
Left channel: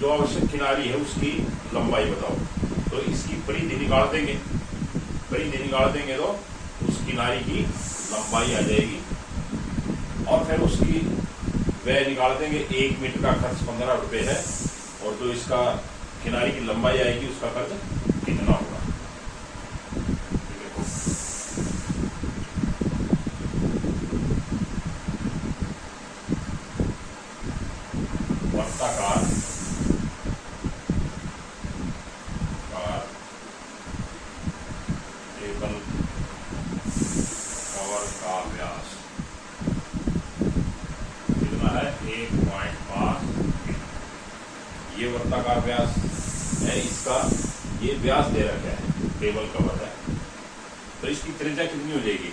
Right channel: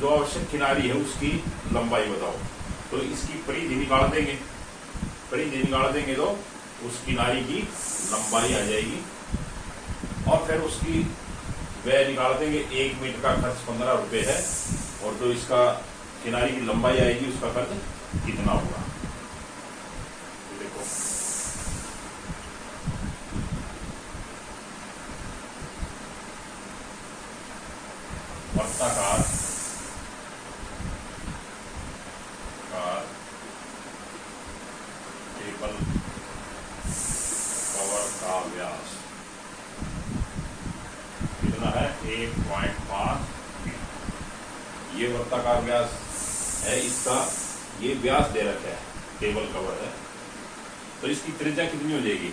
जो आवश्यक किनारी है उसकी लंबाई बताओ। तो इसकी परिधि निकाल देंगे। परिधि निकाल देंगे तो उस किनारी की लंबाई आ जाएगी और फिर उसकी व्यय निकाल देंगे। 1 मीटर का खर्च 15 रुपए है और जो इसका किनारी की लंबाई आएगी उसका खर्च कितना होगा। देखो वर्ताकार टेबल कवर का व्यास कितना है 1.5 मीटर। ये वर्ताकार व्यास है इसका ये व्यास दे रखा है टेबल कवर है। तो इसकी त्रिज्या कितनी हो जाएगी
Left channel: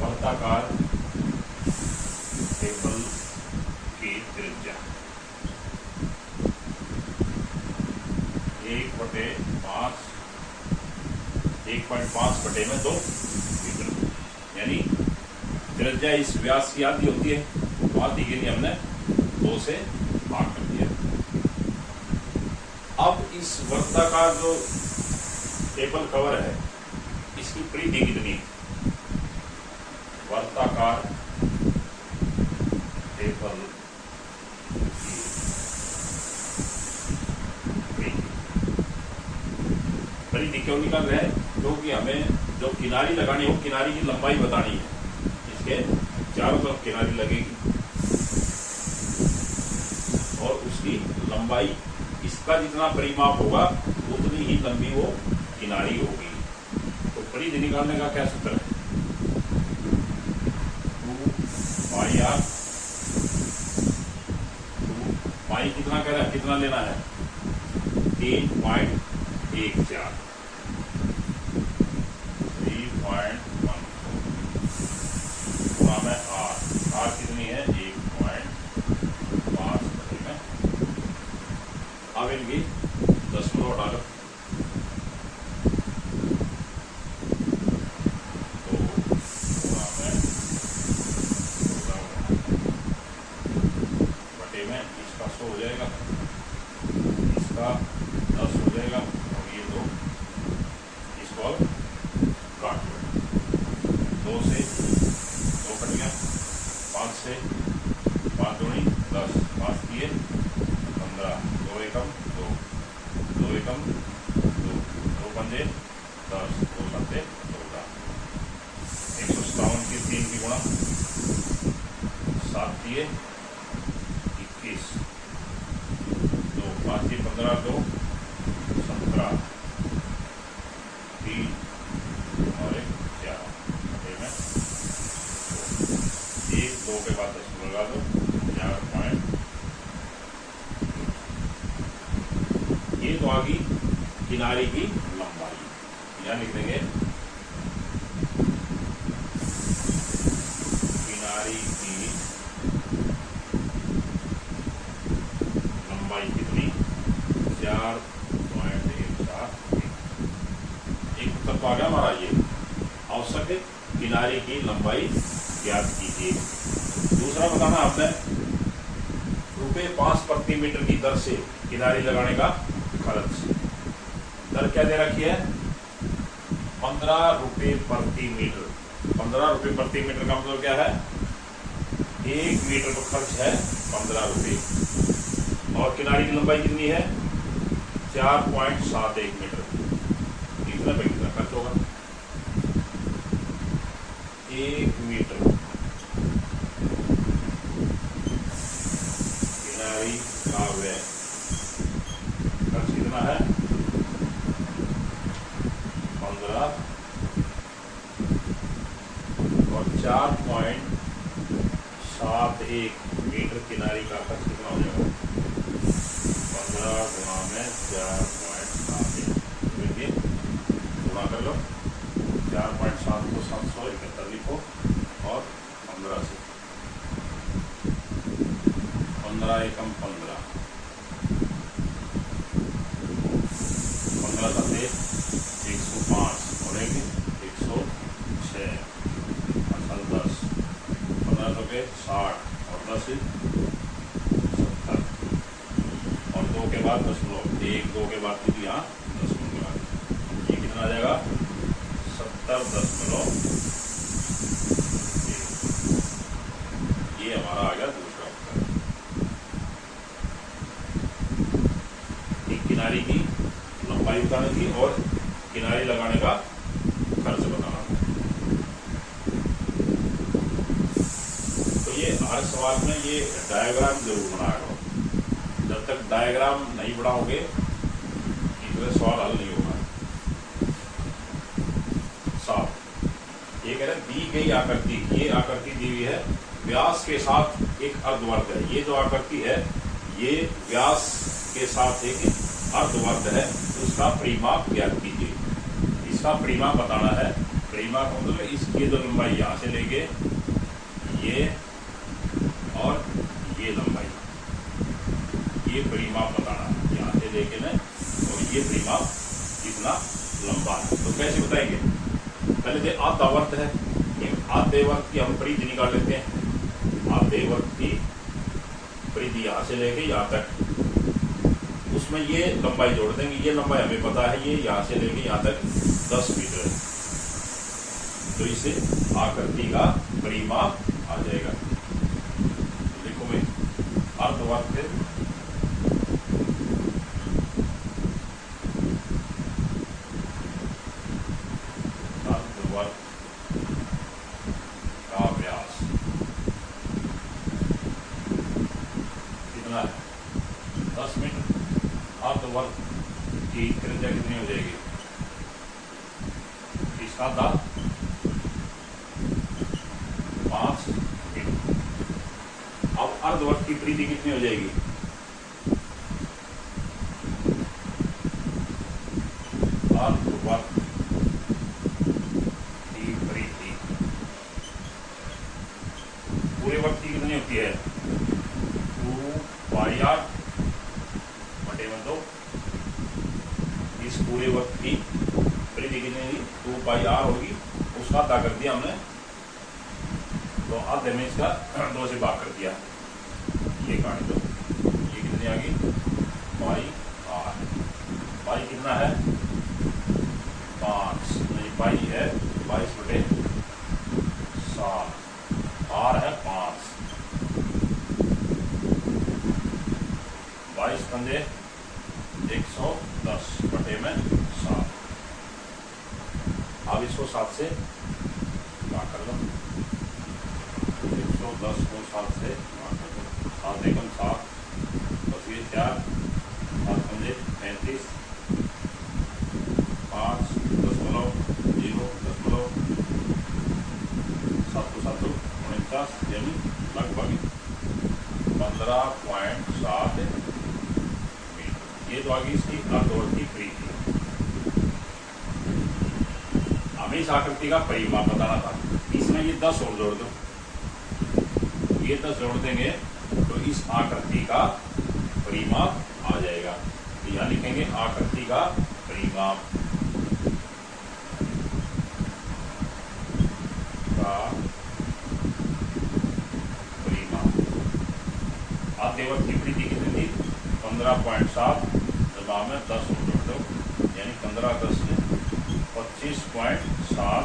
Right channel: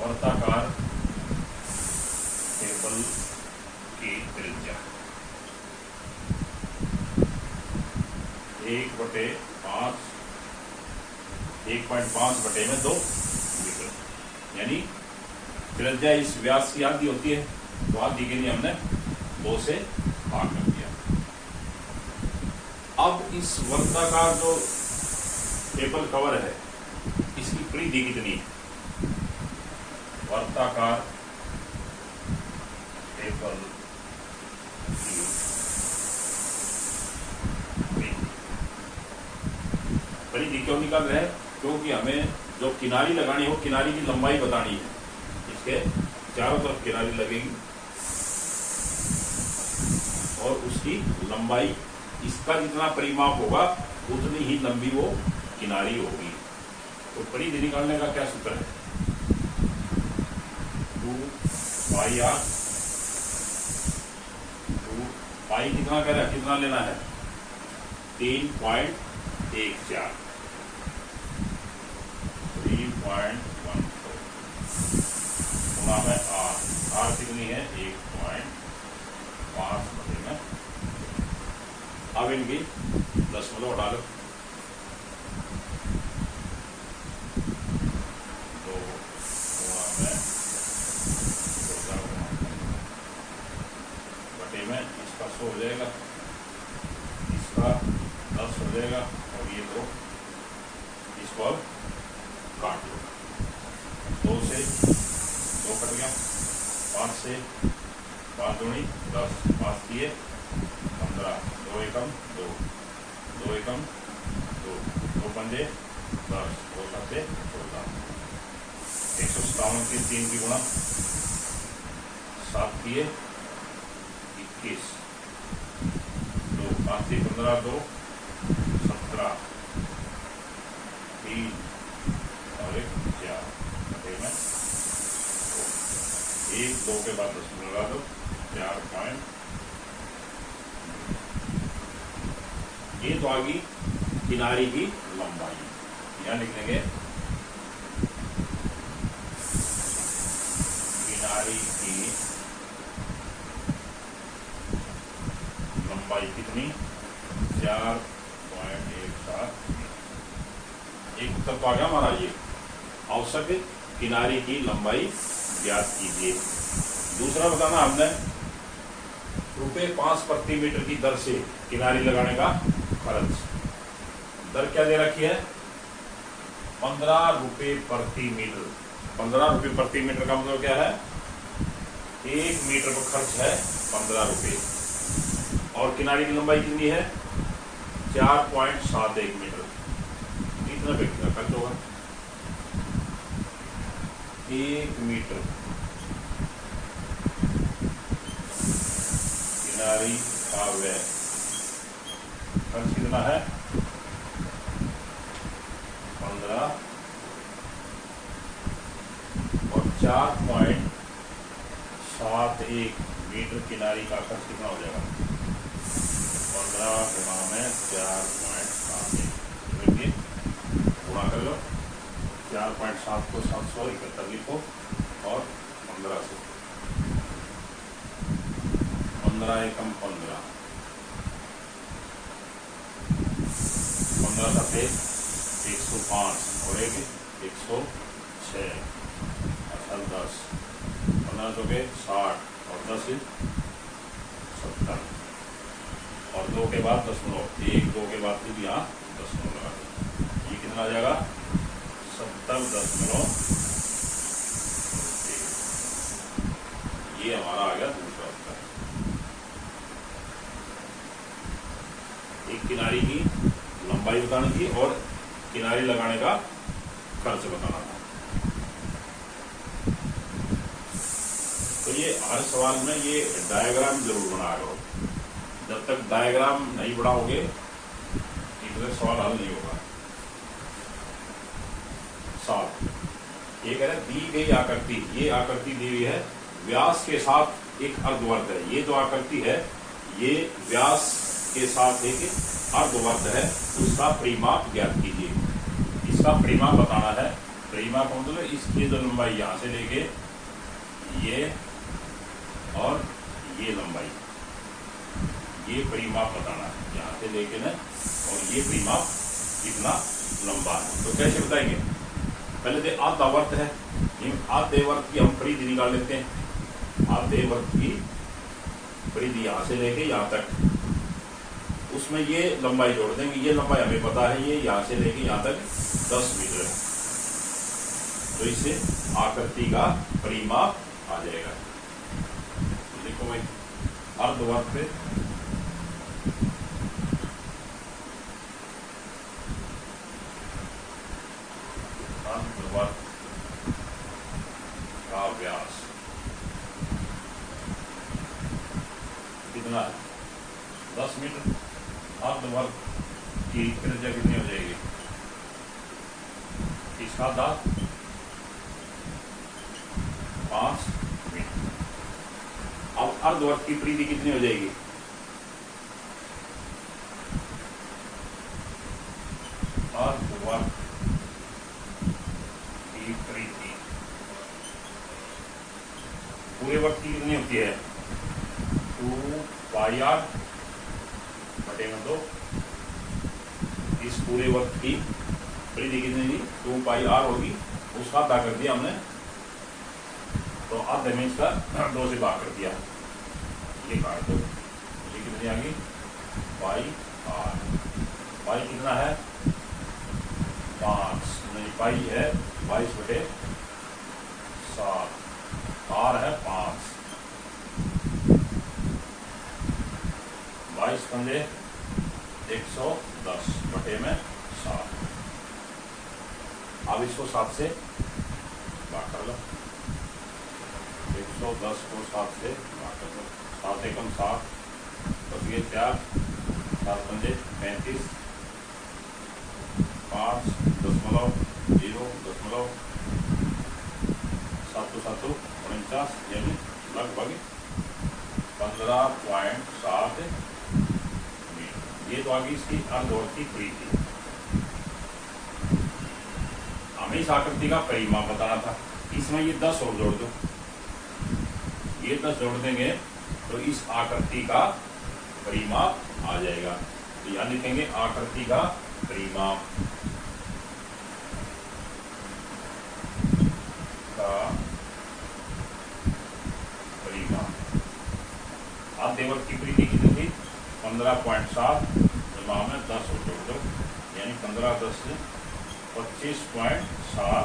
वर्ताकार टेबल की त्रिज्या 1/5 मीटर यानी त्रिज्या इस व्यास की आधी होती है तो आधी के लिए हमने 2 से भाग कर दिया। अब इस वर्ताकार जो टेबल कवर है इसकी परिधि कितनी वर्ताकार टेबल परिधि क्यों निकाल रहे हैं क्योंकि हमें जो किनारी लगानी हो किनारी की लंबाई बतानी है। इसके चारों तरफ किनारी लगेगी और उसकी लंबाई इसका जितना परिमाप होगा उतनी ही लंबी वो किनारी होगी। तो परिधि निकालने का क्या सूत्र है 2πr। 2π कितना कह रहा है कितना लेना है 3.14 गुणा में आर कितनी है 1.5 बचेगा अब इनकी 10 हटा लो। तो बटे में इसका 100 हो जाएगा, इसका 10 हो जाएगा, और ये 2 इसको अब काट लो। 2 से 2 कट गया, 5 से 5 दूनी 10, 5 किए 15, 2 एकम 2, 2 एकम 2, 2 पंजे 10, 2 सत्ते 14, 157 की 3 की गुणा 7 किए 21, 2 5 से 15, 2 17, 3 और 1 4, 1 2 के बाद 10 लगा दो, 4 पॉइंट। ये तो आ गई किनारे की लंबाई। यहां लिख देंगे किनारे की लंबाई कितनी, 4.17। एक तक आ गया हमारा ये औसत किनारे की लंबाई ज्ञात कीजिए। दूसरा बताना हमने ₹5 प्रति मीटर की दर से किनारे लगाने का खर्च। दर क्या दे रखी है, 15 रुपए प्रति मीटर। 15 रुपए प्रति मीटर का मतलब क्या है, 1 मीटर पर खर्च है 15 रुपए। और किनारे की लंबाई कितनी है, 4.71 मीटर। कितना पे कितना खर्च होगा, 1 मीटर किनारी का व्यय खर्च कितना है, 15, और 4.71 मीटर किनारी का खर्च कितना हो जाएगा, 15 गुणा में 4.71। देखिए गुणा कर लो, 4.7 को 771 लिखो, और 15 से 15 एकम 15, 15 सत्ते 105 और 106, 10, 15 तो के 60 और 10 70, और 2 के बाद 10, 1 2 के बाद कितनी, यहाँ 10 लगा, ये कितना आ जाएगा, 70.1। ये हमारा आ गया दूसरा उत्तर। एक किनारे की लंबाई बतानी थी और किनारे लगाने का खर्च बताना था। तो ये हर सवाल में ये डायग्राम जरूर बनाया करो। जब तक डायग्राम नहीं बनाओगे इतने सवाल हल नहीं होगा। साफ ये कह रहे दी गई आकृति, ये आकृति दी हुई है, व्यास के साथ एक अर्धवर्ग है। ये जो आकृति है ये व्यास के साथ एक अर्धवर्ग है, उसका परिमाप ज्ञात कीजिए। इसका परिमाप बताना है। परिमाप मतलब इसकी जो लंबाई यहाँ से लेके ये और ये लंबाई, ये परिमाप बताना है यहाँ से लेके ना, और ये परिमाप इतना लंबा है। तो कैसे बताएंगे, पहले तो आधावर्त है, आधेवर्त की हम परिधि निकाल लेते हैं। आधेवर्त की परिधि यहाँ से लेके यहाँ तक, उसमें ये लंबाई जोड़ देंगे। ये लंबाई हमें पता है, ये यहाँ से लेके यहाँ तक 10 मीटर है। तो इसे आकृति का परिमाप आ जाएगा। देखो भाई अर्धवर्त पे अर्धवर्त का व्यास कितना है, 10 मीटर। अर्धवर्त की त्रिज्या कितनी हो जाएगी, इसका दाब 5 मीटर। अब अर्धवर्त की परिधि कितनी हो जाएगी, अर्धवर्त की परिधि पूरे वर्त की कितनी होती है, 2 पाई r बटे में 2 इस पूरे वक्त की परिधि कितनी 2 पाई आर होगी, उसका आधा कर दिया हमने, तो आधे में इसका 2 से भाग कर दिया, ये काट दो। ये कितनी आ गई पाई आर। पाई कितना है 5, पाई है 22/7, आर है 5, 22 पंजे 110 बटे में 7। अब इसको 7 से भाग कर लो, 110 को 7 से भाग कर लो, 7 एकम 7, बस ये 4, 7 पंजे 35, 5.0.7 49 यानी लगभग 15.7 मीटर। ये तो आगे इसकी अर्धवर्ती परिधि। हमें इस आकृति का परिमाप बताना था, इसमें ये 10 और जोड़ दो, ये 10 जोड़ देंगे तो इस आकृति का परिमाप आ जाएगा। तो यहाँ लिखेंगे आकृति का परिमाप आद्यवर्ती परिधि कितनी थी 15.7, जवाब में 10 जोड़ दो, यानी 15 10 से 25.7।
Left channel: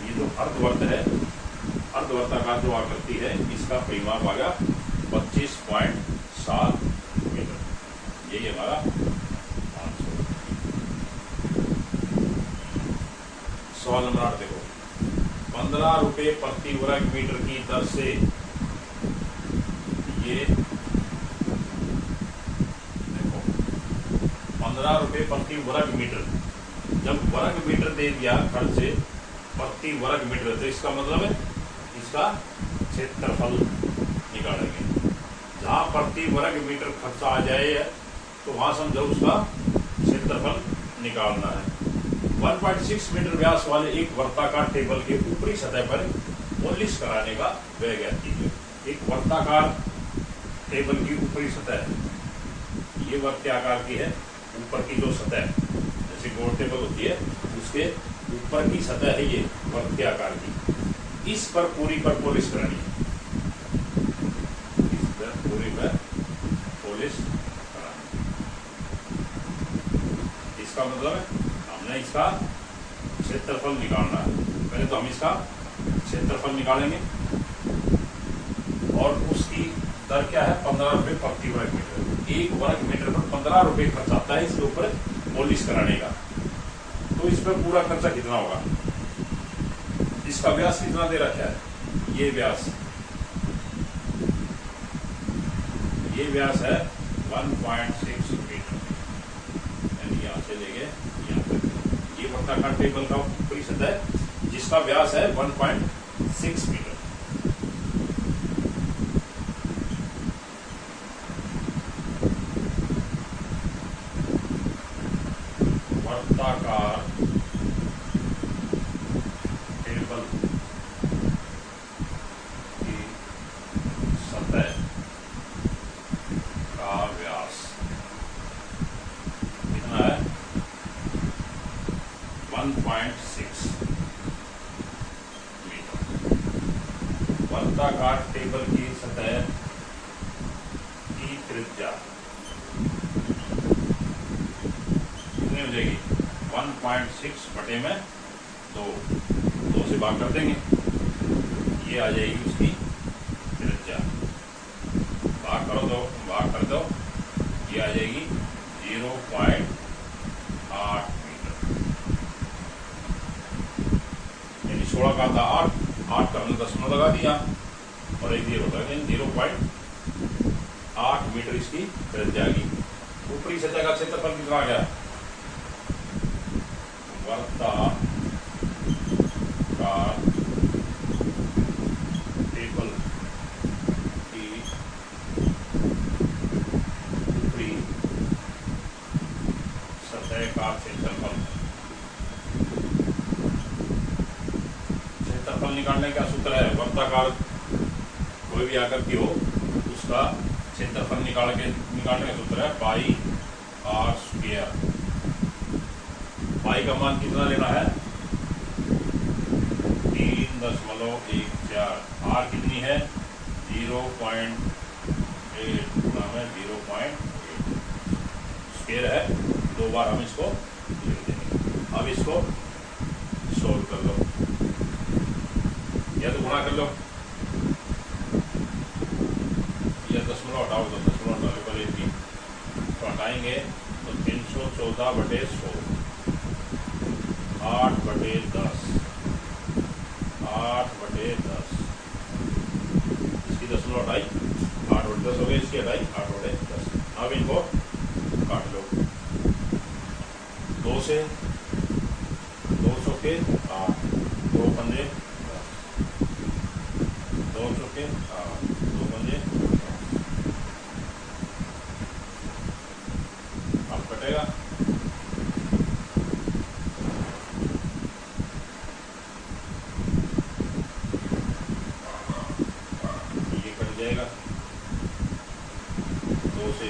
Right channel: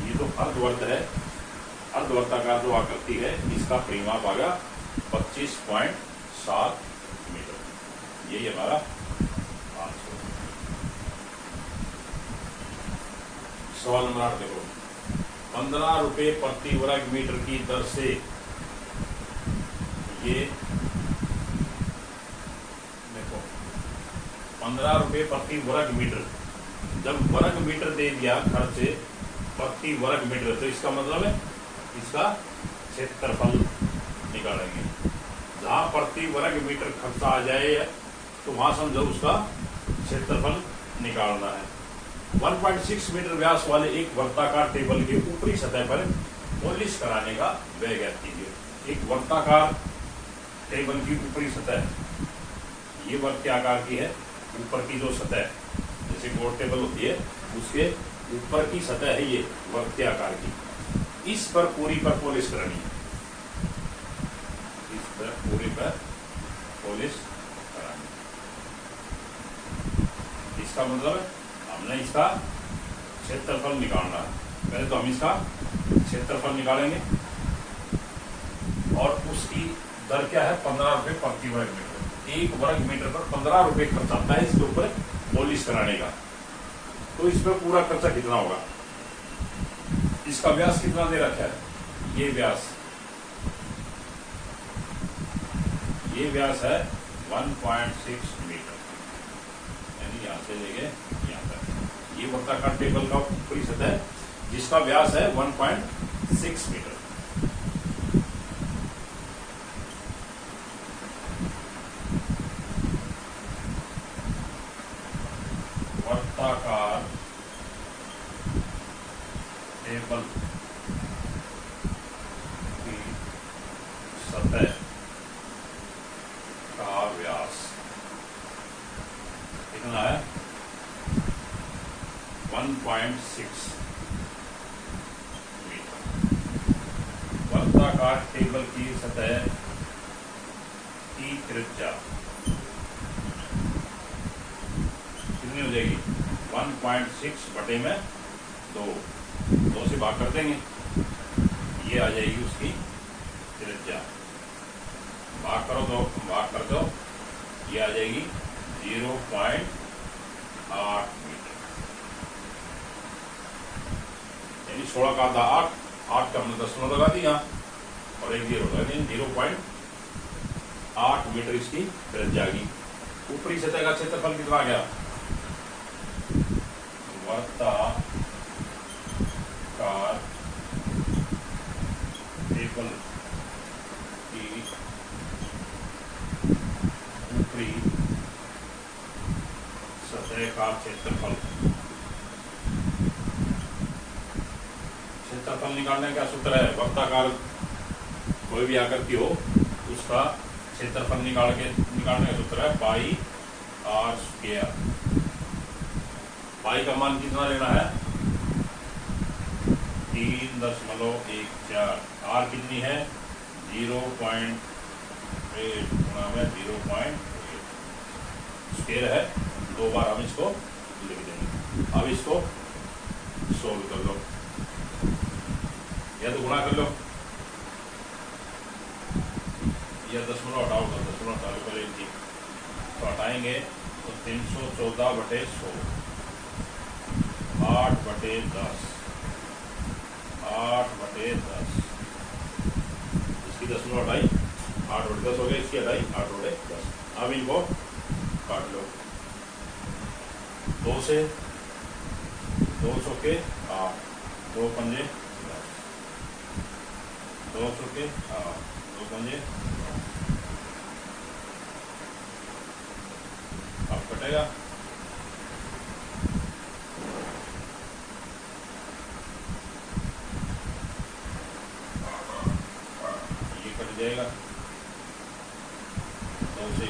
ये जो अर्धवर्त है, अर्धवर्ताकार जो आकृति है, इसका परिमाप आ गया 25.7 मीटर। यही हमारा आंसर। सवाल नंबर 8 देखो, 15 रुपए प्रति वर्ग मीटर की दर से ये देखो 15 रुपए प्रति वर्ग मीटर, जब वर्ग मीटर दे दिया खर्च प्रति वर्ग मीटर, तो इसका मतलब है इसका क्षेत्रफल निकालेंगे। जहां प्रति वर्ग मीटर खर्चा आ जाए तो वहां समझो उसका क्षेत्रफल निकालना है। 1.6 मीटर व्यास वाले एक वर्ताकार टेबल के ऊपरी सतह पर पॉलिश कराने का व्यय ज्ञात कीजिए। एक वर्ताकार टेबल की ऊपरी सतह, ये वर्ग के आकार की है, ऊपर की जो सतह जैसे गोल टेबल होती है उसके ऊपर की सतह है ये वर्ग के आकार की, इस पर पूरी पर पॉलिश करानी है, इस पर पूरी पर पॉलिश करानी। इसका मतलब है हमने इसका क्षेत्रफल निकालना है। पहले तो हम इसका क्षेत्रफल निकालेंगे और उसकी दर क्या है 15 रुपए प्रति वर्ग मीटर। एक वर्ग मीटर पर 15 रुपए खर्च आता है इसके ऊपर पॉलिश कराने का। तो इस पर पूरा खर्चा कितना होगा, इसका व्यास कितना दे रखा है, ये व्यास है 1.6 मीटर, यानी यहां से लेके यहां तक ये वर्ताकार टेबल का ऊपरी सतह जिसका व्यास है 1.6 मीटर। वर्ताकार टेबल की सतह का व्यास कितना है 1.6 मीटर। वर्ताकार टेबल की सतह की त्रिज्या कितनी हो जाएगी 1.6 बटे में 2 से भाग कर देंगे, ये आ जाएगी उसकी त्रिज्या। भाग कर दो, ये आ जाएगी 0.8 मीटर, यानी 16 का था 8 का हमने 10 लगा दिया और एक 0 लगा देंगे, 0.8 मीटर इसकी त्रिज्या आएगी। ऊपरी सतह का क्षेत्रफल कितना आ गया वर्ताकार टेबल की ऊपरी सतह का क्षेत्रफल निकालने का सूत्र है, वर्ताकार कोई भी आकर की हो उसका क्षेत्रफल निकालने का सूत्र है पाई आर स्क्वायर। पाई का मान कितना लेना है? 3.14। आर कितनी है? 0.8 गुणा में 0.8 स्क्वायर है। 2 बार हम इसको लिख देंगे। अब इसको सोल्व कर लो, या तो गुणा कर लो, या दशमलव हटाओ तो दशमलव हटा लो। पहले 3 तो हटाएंगे तो 314/100, 8/10, 8/10। इसकी दशमलव हटाई, 8/10 हो गई, इसकी हटाई 8/10। अब इनको काट लो। 2 से 200 के 8, 2 पंजे 10, 200 के 8, 2 पंजे 10। अब कटेगा, ये कट जाएगा। 2 से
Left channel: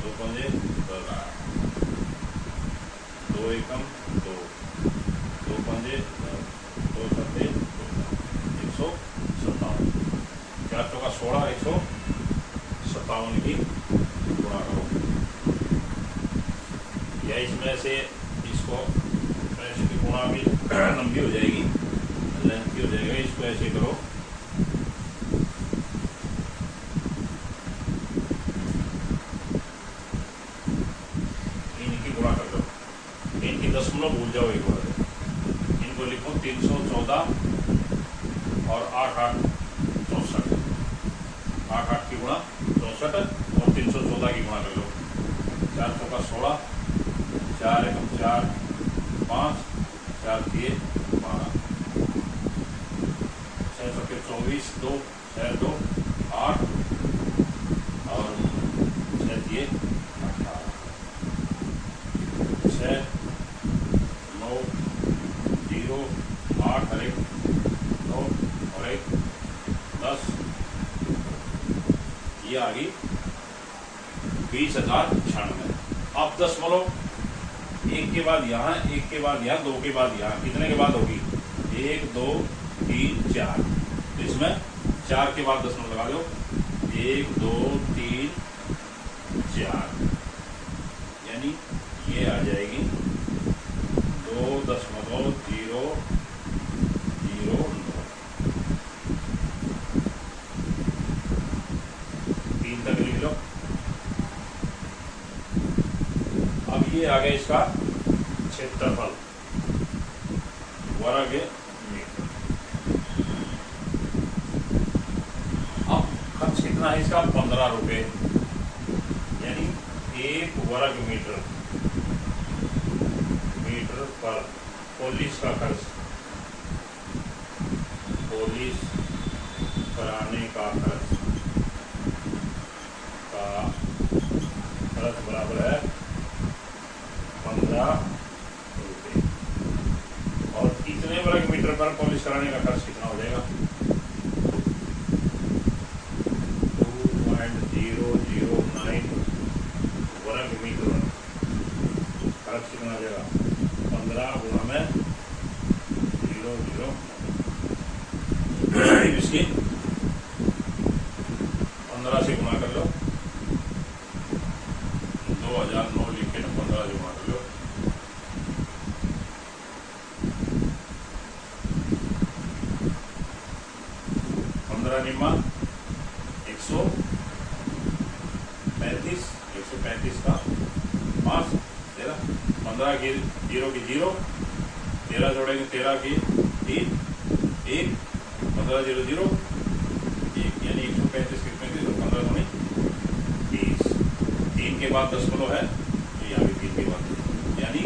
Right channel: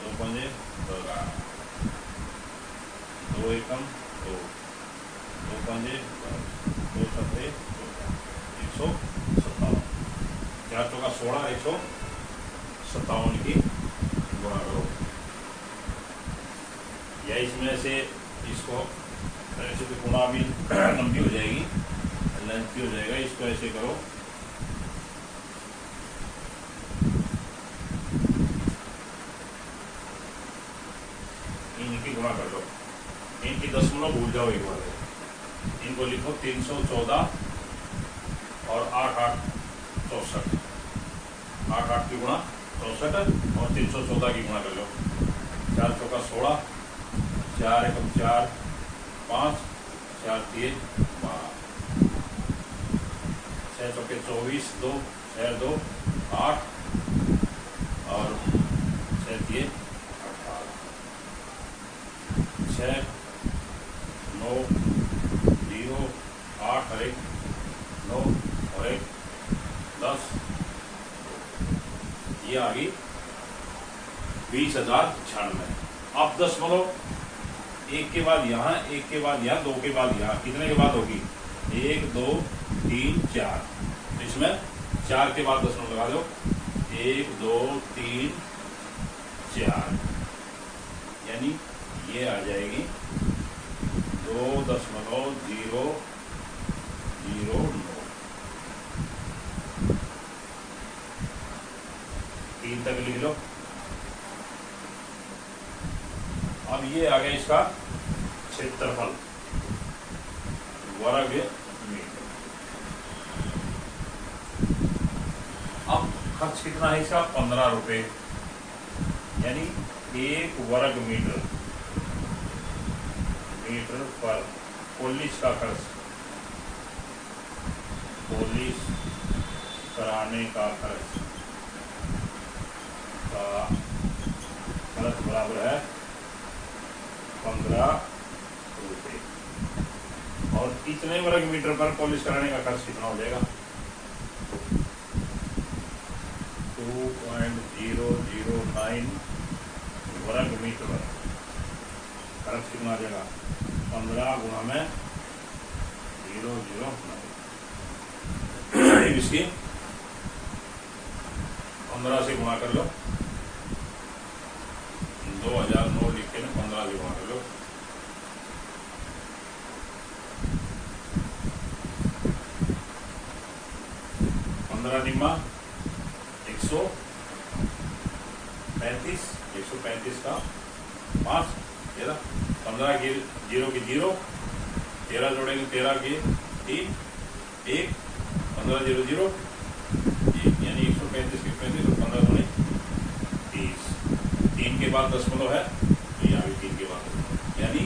2 पंजे 10, 2 एकम 2, 2 पंजे 10, 2 सत्ते 157। 4 चौका 16, 157 की गुणा करो। या इसमें से इसको ऐसे की गुणा भी लंबी हो जाएगी, लेंथी हो जाएगा। इसको ऐसे करो, इनकी गुणा कर दो। इनकी दशमलव भूल जाओ एक बार, इनको लिखो 314 और 8 8 64। 8 8 की गुणा 64 और 314 की गुणा कर लो। 4 चौका 16, 4 एकम 4, 5, 4 3 12, 6 चौके 24, 2 6 2 8 और 6 3 18, 6 9 0 8 और 1 9 और 1 10। ये आ गई 20,096। अब दशमलव एक के बाद यहाँ, एक के बाद यहाँ, 2 के बाद यहाँ, कितने के बाद होगी? 1 2 3 4। तो इसमें 4 के बाद दशमलव लगा दो। 1 2 3 4, यानी ये आ जाएगी 2.009। 3 तक लिख लो। अब ये आ गया इसका क्षेत्रफल वर्ग मीटर। अब खर्च कितना है इसका? 15 रुपए, यानी 1 वर्ग मीटर पर पॉलिश का खर्च, पॉलिश कराने का खर्च बराबर है 15 रुपये। और इतने वर्ग मीटर पर पॉलिश कराने का खर्च कितना हो जाएगा? 2.009 वर्ग मीटर खर्च कितना हो जाएगा? 15 गुणा में 0.009। इसकी 15 से गुणा कर लो। 2009 लिख के 15 से गुणा कर लो। 15 निम्मा 135 का 5 13, 15 की 0 की 0, 13 जोड़ेगी 13 की 3 1, 15 0 0 1, यानी 135 की 35 और 15 दुनी 30। 3 के बाद दशमलव है तो यहाँ भी 3 के बाद, यानी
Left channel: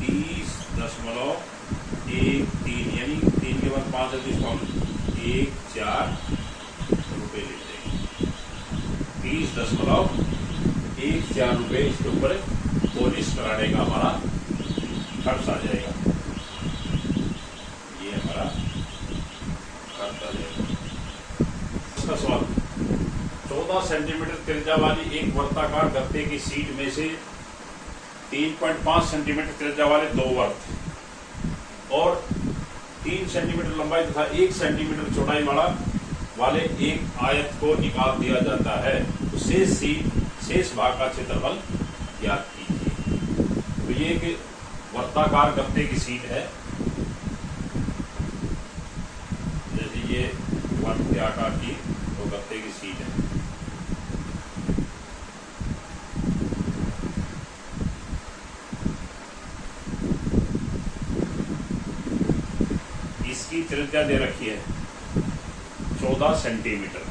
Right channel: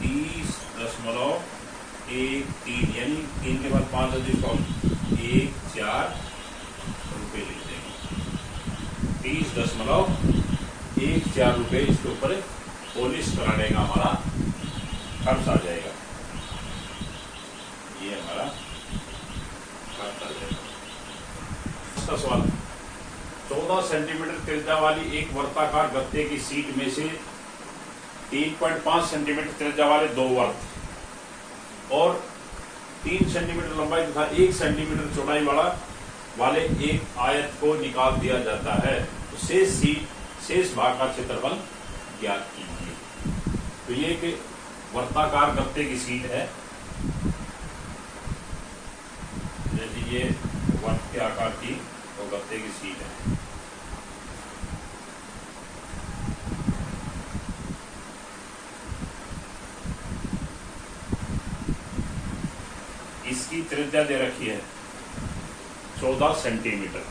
30.13, यानी 3 के बाद 5 14 रुपये ले जाएगी। 30.14 रुपये इसके ऊपर पॉलिश कराने का हमारा खर्च आ जाएगा। ये हमारा खर्च आ जाएगा। इसका सवाल 14 14 सेंटीमीटर त्रिज्या वाली एक वर्ताकार गत्ते की शीट में से 3.5 सेंटीमीटर त्रिज्या वाले दो वर्त और 3 सेंटीमीटर लंबाई तथा 1 सेंटीमीटर चौड़ाई वाले एक आयत को निकाल दिया जाता है तो शेष भाग का क्षेत्रफल ज्ञात कीजिए। तो ये एक वर्ताकार गत्ते की शीट है, जैसे ये वर्त के आकार की तो गत्ते की शीट है। इसकी त्रिज्या दे रखी है 14 सेंटीमीटर।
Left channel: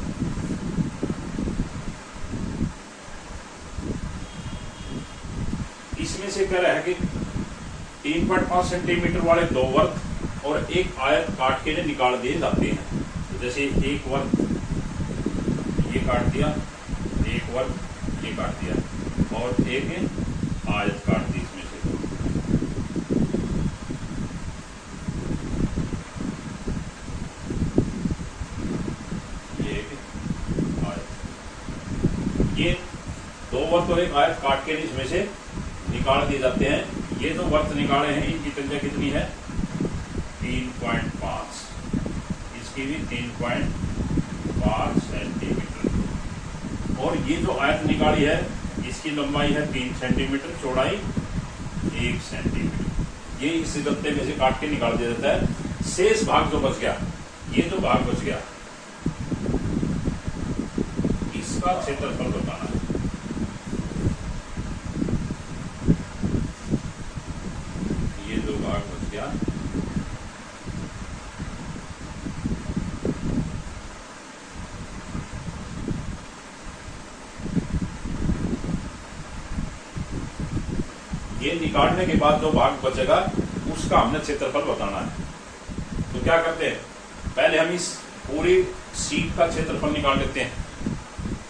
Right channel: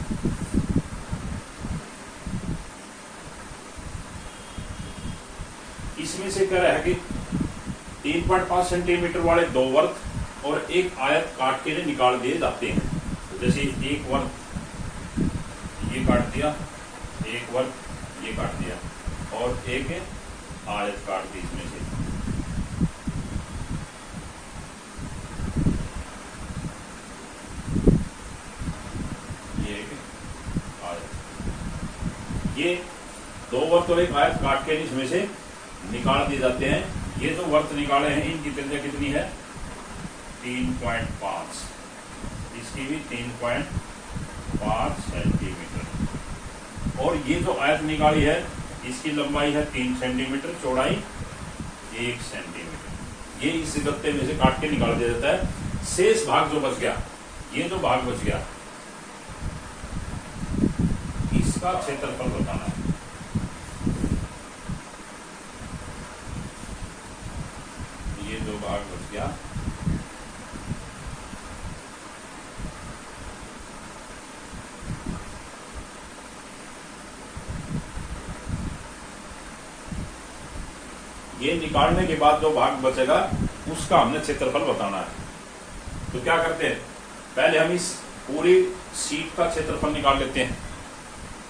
इसमें से कह रहा है कि 3.5 सेंटीमीटर वाले दो वर्त और एक आयत काट के निकाल दिए जाते हैं। तो जैसे एक वर्त ये काट दिया, एक वर्त ये काट दिया और एक आयत काट दी इसमें से। ये एक आयत, ये दो वर्त और एक आयत काट के इसमें से निकाल दिए जाते हैं। ये तो वर्त निकाले हैं, इनकी त्रिज्या कितनी है 3.5, इसकी भी 3.5 सेंटीमीटर। और ये जो आयत निकाली है इसकी लंबाई है 3 सेंटीमीटर, चौड़ाई 1 सेंटीमीटर। ये इस गत्ते में से काट के निकाल दिया जाता है। शेष भाग जो बच गया, ये जो भाग बच गया, इसका क्षेत्रफल बताना है। ये दो भाग बच गया, ये निकालने के बाद जो भाग बचेगा उसका हमने क्षेत्रफल बताना है। तो क्या करते हैं, पहले हम इस पूरी शीट का क्षेत्रफल निकाल लेते हैं।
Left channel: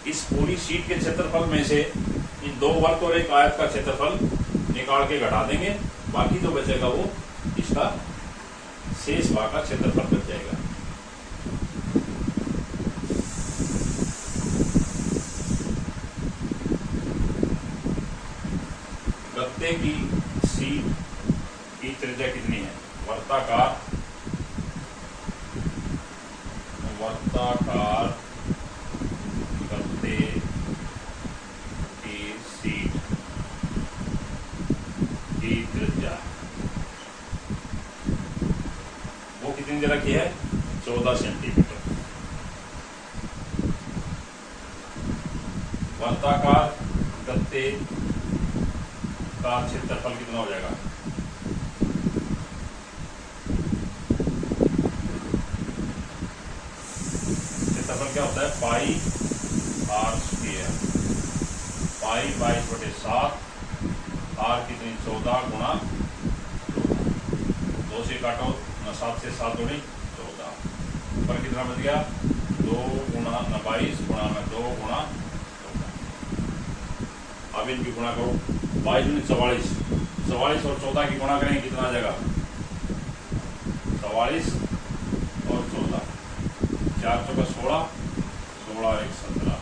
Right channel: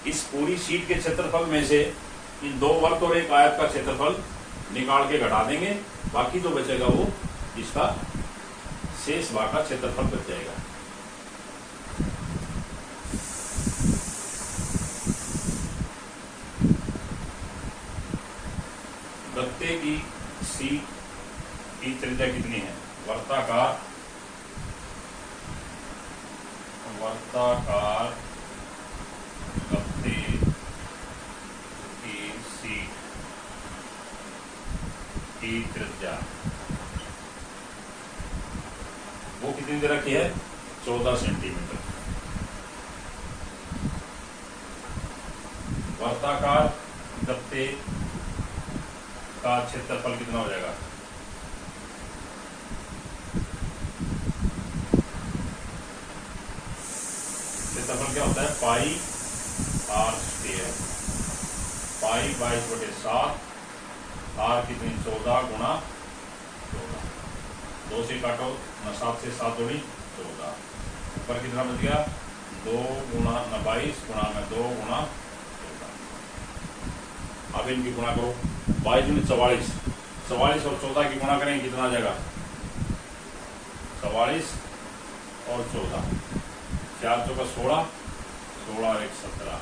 इस पूरी शीट के क्षेत्रफल में से इन दो वर्त और एक आयत का क्षेत्रफल निकाल के घटा देंगे, बाकी जो बचेगा वो इसका शेष भाग का क्षेत्रफल बच जाएगा। गत्ते की शीट की त्रिज्या कितनी है, वर्ताकार गत्ते की शीट की त्रिज्या वो कितनी दे रखी है 14 सेंटीमीटर। वर्ताकार गत्ते का क्षेत्रफल कितना हो जाएगा, क्षेत्रफल क्या होता है pi R square, pi 22/7, are कितनी 14 गुणा 2 से काटो ना, 7 से 7 दूनी 14, ऊपर कितना बच गया 2 गुणा 22 गुणा में 2 गुणा 14। अब इनकी गुणा करो, 22 दूनी 44, 44 और 14 की गुणा करेंगे कितना आ जाएगा 44 और 14, 4 चौका 16, 16 1 17,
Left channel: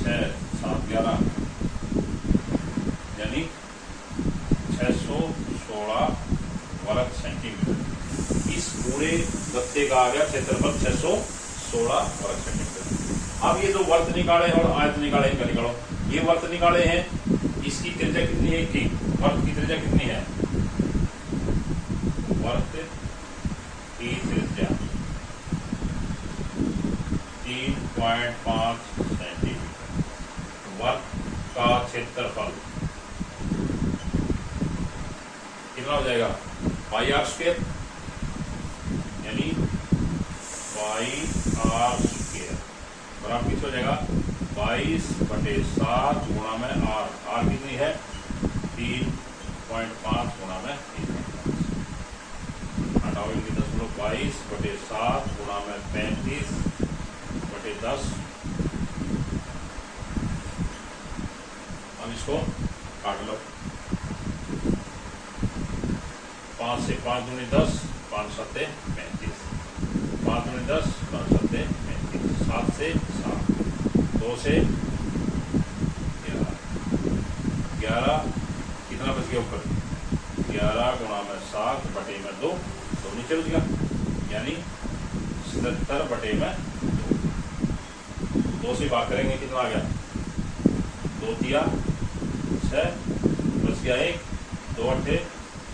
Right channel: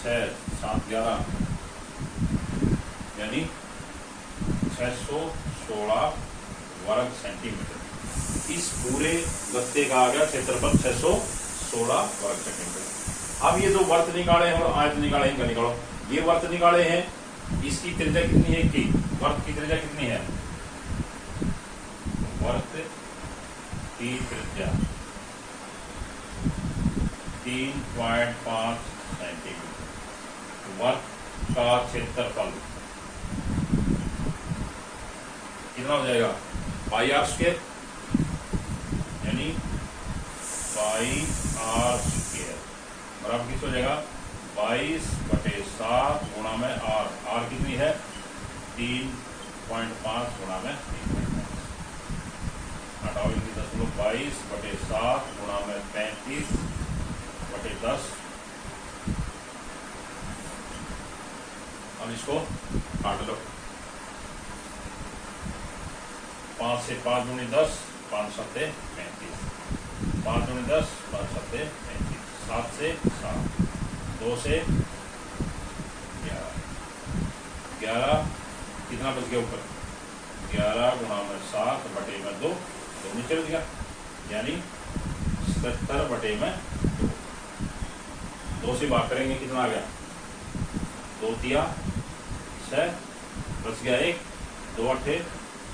6 7 11, यानी 616 वर्ग सेंटीमीटर। इस पूरे गत्ते का आ गया क्षेत्रफल 616 वर्ग सेंटीमीटर। अब ये जो वर्त निकाले हैं और आयत निकाले हैं, इनका निकालो। ये वर्त निकाले हैं, इसकी त्रिज्या कितनी है, की वर्त की त्रिज्या कितनी है, वर्त की त्रिज्या 3.5 सेंटीमीटर। वर्त का क्षेत्रफल कितना हो जाएगा पाई आर स्क्वायर, यानी पाई आर स्क्वायर बराबर किस हो जाएगा 22/7 गुणा में आर, आर कितनी है 3.5 गुणा में 3.5, हटाओ इनकी 22/7 गुणा में 35/10। अब इसको काट लो, 5 से 5 दूनी 10, 5 7 35, 5 दूनी 10, 5 7 35, 7 से 7, 2 से 11, 11 कितना बच गया ऊपर, 11 गुणा में 7 बटे में 2, तो नीचे बच गया, यानी 77 बटे में 2 से भाग करेंगे कितना आ गया, 2 तिया 6, बच गया 1, 2 अट्ठे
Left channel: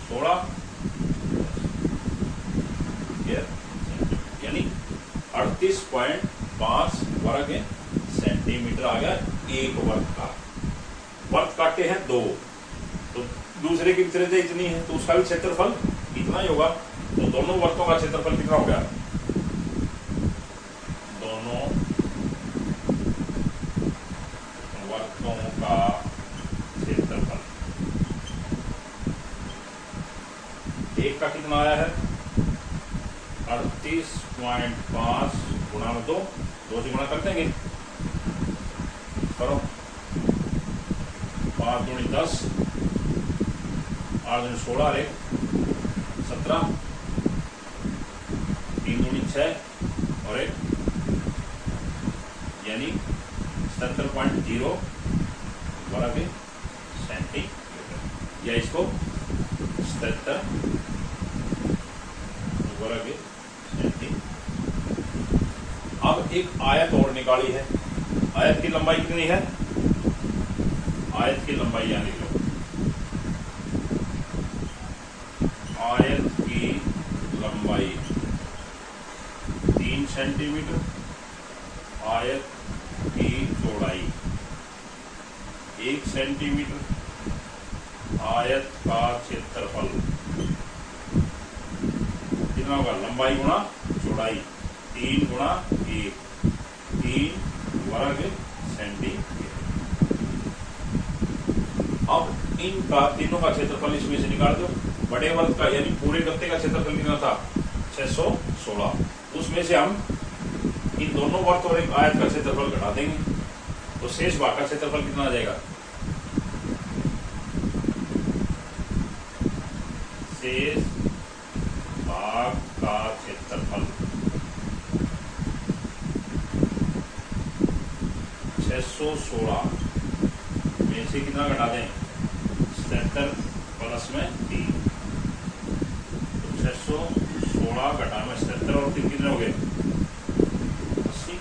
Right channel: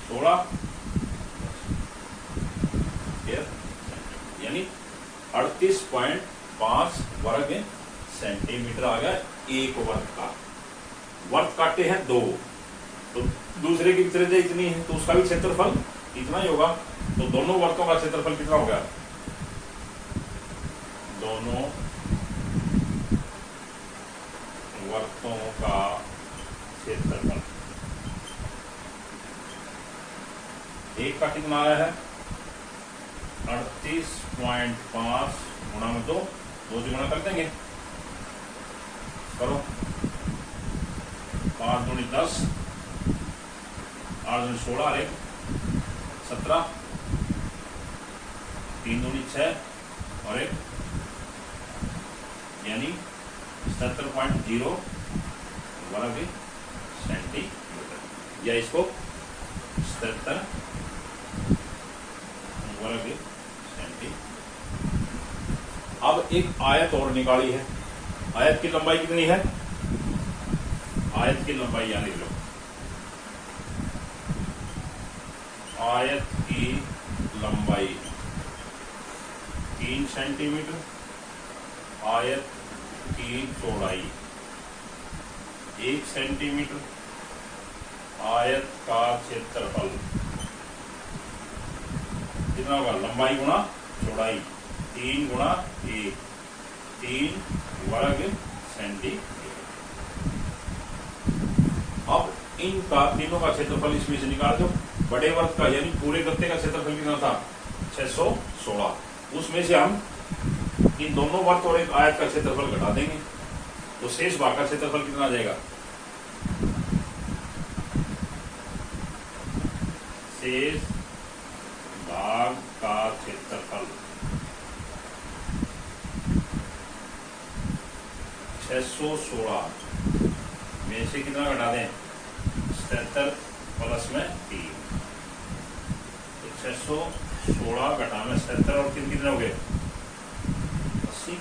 16, यानी 38.5 वर्ग सेंटीमीटर आ गया एक वर्ग का। वर्ग काटे हैं 2, तो दूसरे की त्रिज्या इतनी है, तो उसका भी क्षेत्रफल इतना ही होगा। तो दोनों वर्गों का क्षेत्रफल कितना हो गया, दोनों वर्गों का क्षेत्रफल, एक का कितना आया है 38.5 गुणा में 2, 2 से गुणा कर देंगे, करो 5 दूनी 10, 8 दूनी 16, और 17, 3 दूनी 6 और 1, यानी 77.0 वर्ग सेंटीमीटर, या इसको 77 वर्ग सेंटीमीटर। अब एक आयत और निकाली है, आयत की लंबाई कितनी है, आयत की लंबाई यानी लो, आयत की लंबाई 3 सेंटीमीटर, आयत की चौड़ाई 1 सेंटीमीटर, आयत का क्षेत्रफल कितना होगा, लंबाई गुणा चौड़ाई 3 गुणा 1, 3 वर्ग सेंटीमीटर। अब इनका तीनों का क्षेत्रफल इसमें से निकाल दो। बड़े वर्ग का यानी पूरे गत्ते का क्षेत्रफल कितना था 616, उसमें से हम इन दोनों वर्ग और एक आयत का क्षेत्रफल घटा देंगे, तो शेष भाग का क्षेत्रफल कितना आ जाएगा, शेष भाग का क्षेत्रफल 616 में से कितना घटा दें, 77 प्लस में 3, तो 616 घटा में 77 और 3 कितने हो गए 80,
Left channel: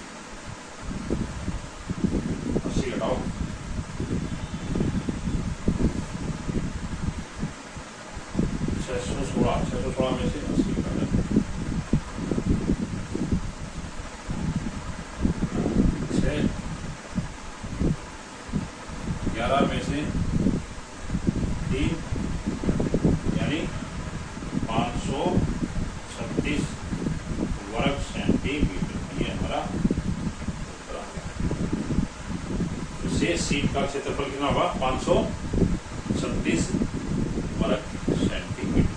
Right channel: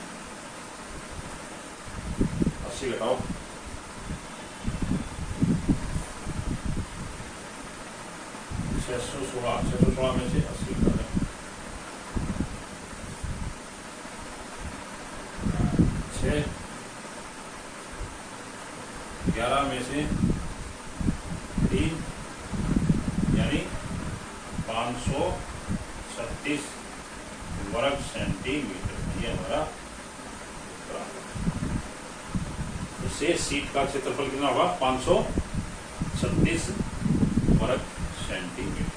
80 घटाओ, छह सौ में से 80 घटा दें, 6, 11 में से 3, यानी 536 वर्ग सेंटीमीटर, ये हमारा शेष सीट का क्षेत्रफल कितना होगा 536 वर्ग सेंटीमीटर।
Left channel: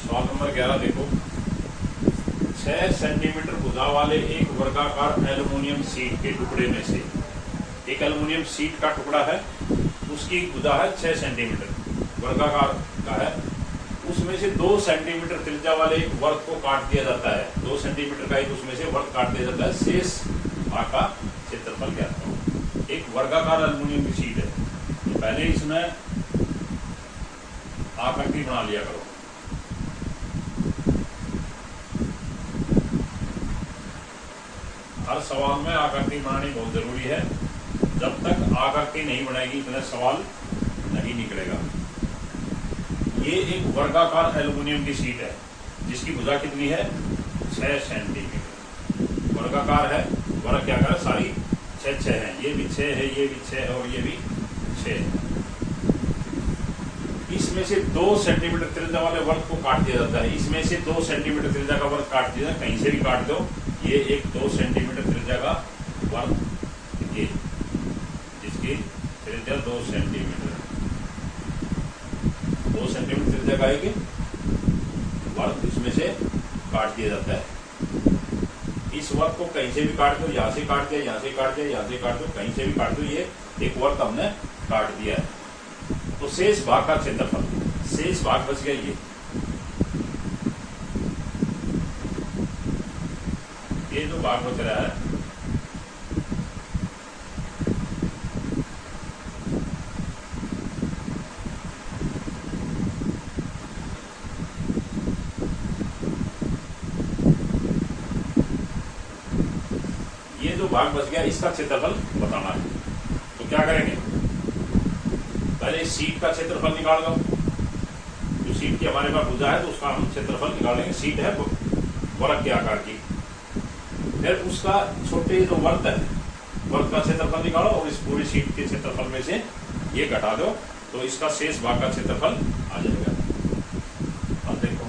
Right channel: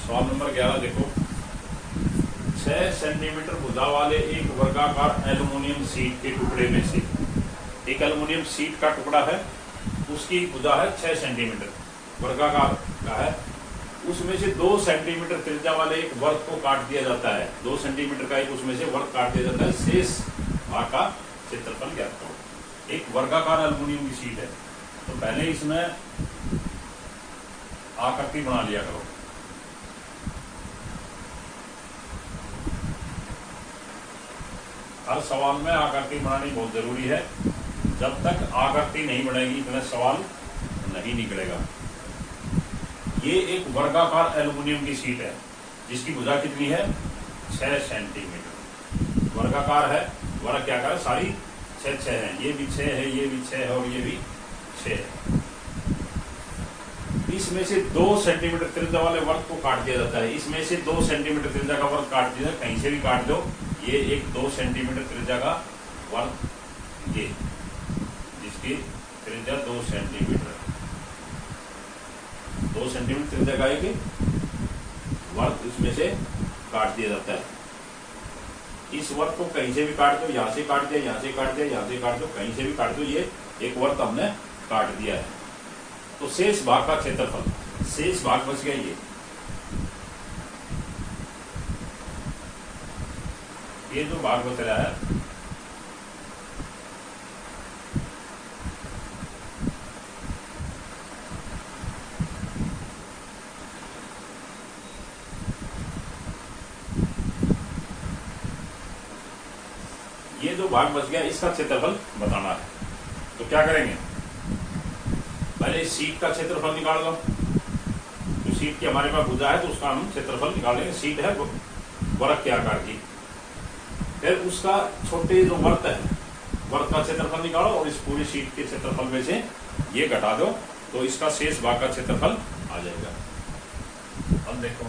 सवाल नंबर 11 देखो, 6 सेंटीमीटर भुजा वाले एक वर्गाकार एल्युमिनियम शीट के टुकड़े में से, एक एल्युमिनियम शीट का टुकड़ा है, उसकी भुजा है 6 सेंटीमीटर वर्गाकार का है, उसमें से 2 सेंटीमीटर त्रिज्या वाले एक वर्ग को काट दिया जाता है, 2 सेंटीमीटर का एक उसमें से वर्ग काट दिया जाता है, शेष भाग का क्षेत्रफल क्या था। एक वर्गाकार एल्युमिनियम की शीट है, तो पहले इसमें आकृति बना लिया करो, हर सवाल में आकृति बनानी बहुत जरूरी है, जब तक आकृति नहीं बनेगी इतना सवाल नहीं निकलेगा। ये एक वर्गाकार एल्युमिनियम की शीट है जिसकी भुजा कितनी है 6 सेंटीमीटर, वर्गाकार है, वर्ग क्या कर सारी 6 है, ये भी 6 है, ये भी 6 है और ये भी 6 है। इसमें से 2 सेंटीमीटर त्रिज्या वाले वर्ग को काट दिया जाता है, इसमें से 2 सेंटीमीटर त्रिज्या का वर्ग काट दिया, कहीं से भी काट दो, ये एक 2 सेंटीमीटर त्रिज्या का वर्ग, ये जिसकी त्रिज्या 2 सेंटीमीटर, 2 सेंटीमीटर त्रिज्या का एक वर्ग इसमें से काट दिया जाता है। इस वर्ग को कहीं से भी काट दो, यहाँ से काट दिया, यहाँ से काट दिया, यहाँ से काट दो, कहीं से भी काट दो, ये एक वर्ग हमने काट दिया है। तो शेष भाग का क्षेत्रफल, शेष भाग बच गया ये जो भाग बच रहा है ये जो भाग बच गया इसका क्षेत्रफल बताना है। तो क्या करेंगे, पहले शीट का क्षेत्रफल निकाल दो। जो शीट की हमारे पास भुजा है तो उसका हम क्षेत्रफल निकालेंगे। शीट है वर्ग के आकार की, फिर उसका छोटे जो वर्ग है वर्ग का क्षेत्रफल निकालो और इस पूरी शीट के क्षेत्रफल में से ये घटा दो, तो इसका शेष भाग का क्षेत्रफल आ जाएगा। अब देखो,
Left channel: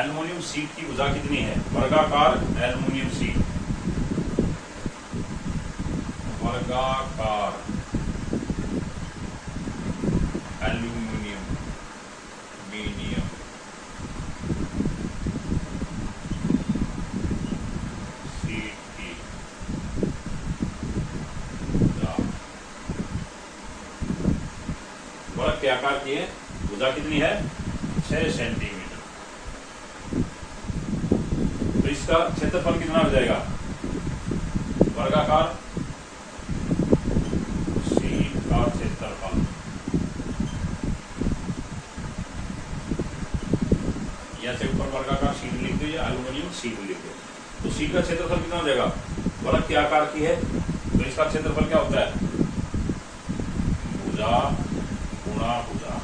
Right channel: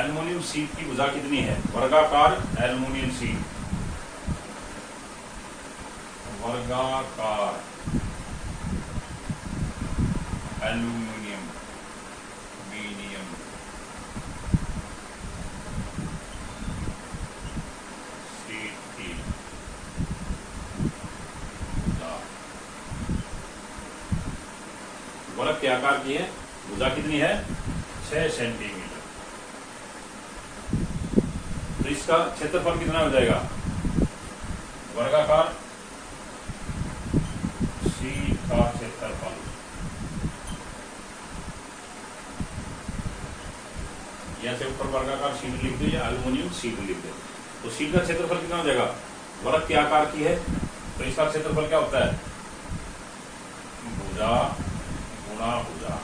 एल्युमिनियम शीट की भुजा कितनी है, वर्गाकार एल्युमिनियम शीट, वर्गाकार एल्युमिनियम मीडियम शीट की वर्ग के आकार की है, भुजा कितनी है 6 सेंटीमीटर। तो इसका क्षेत्रफल कितना हो जाएगा, वर्गाकार शीट का क्षेत्रफल, या से ऊपर वर्गाकार शीट लिख दो या एल्युमिनियम शीट लिख दो। तो शीट का क्षेत्रफल कितना हो जाएगा, वर्ग के आकार की है तो इसका क्षेत्रफल क्या होता है, भुजा गुणा भुजा।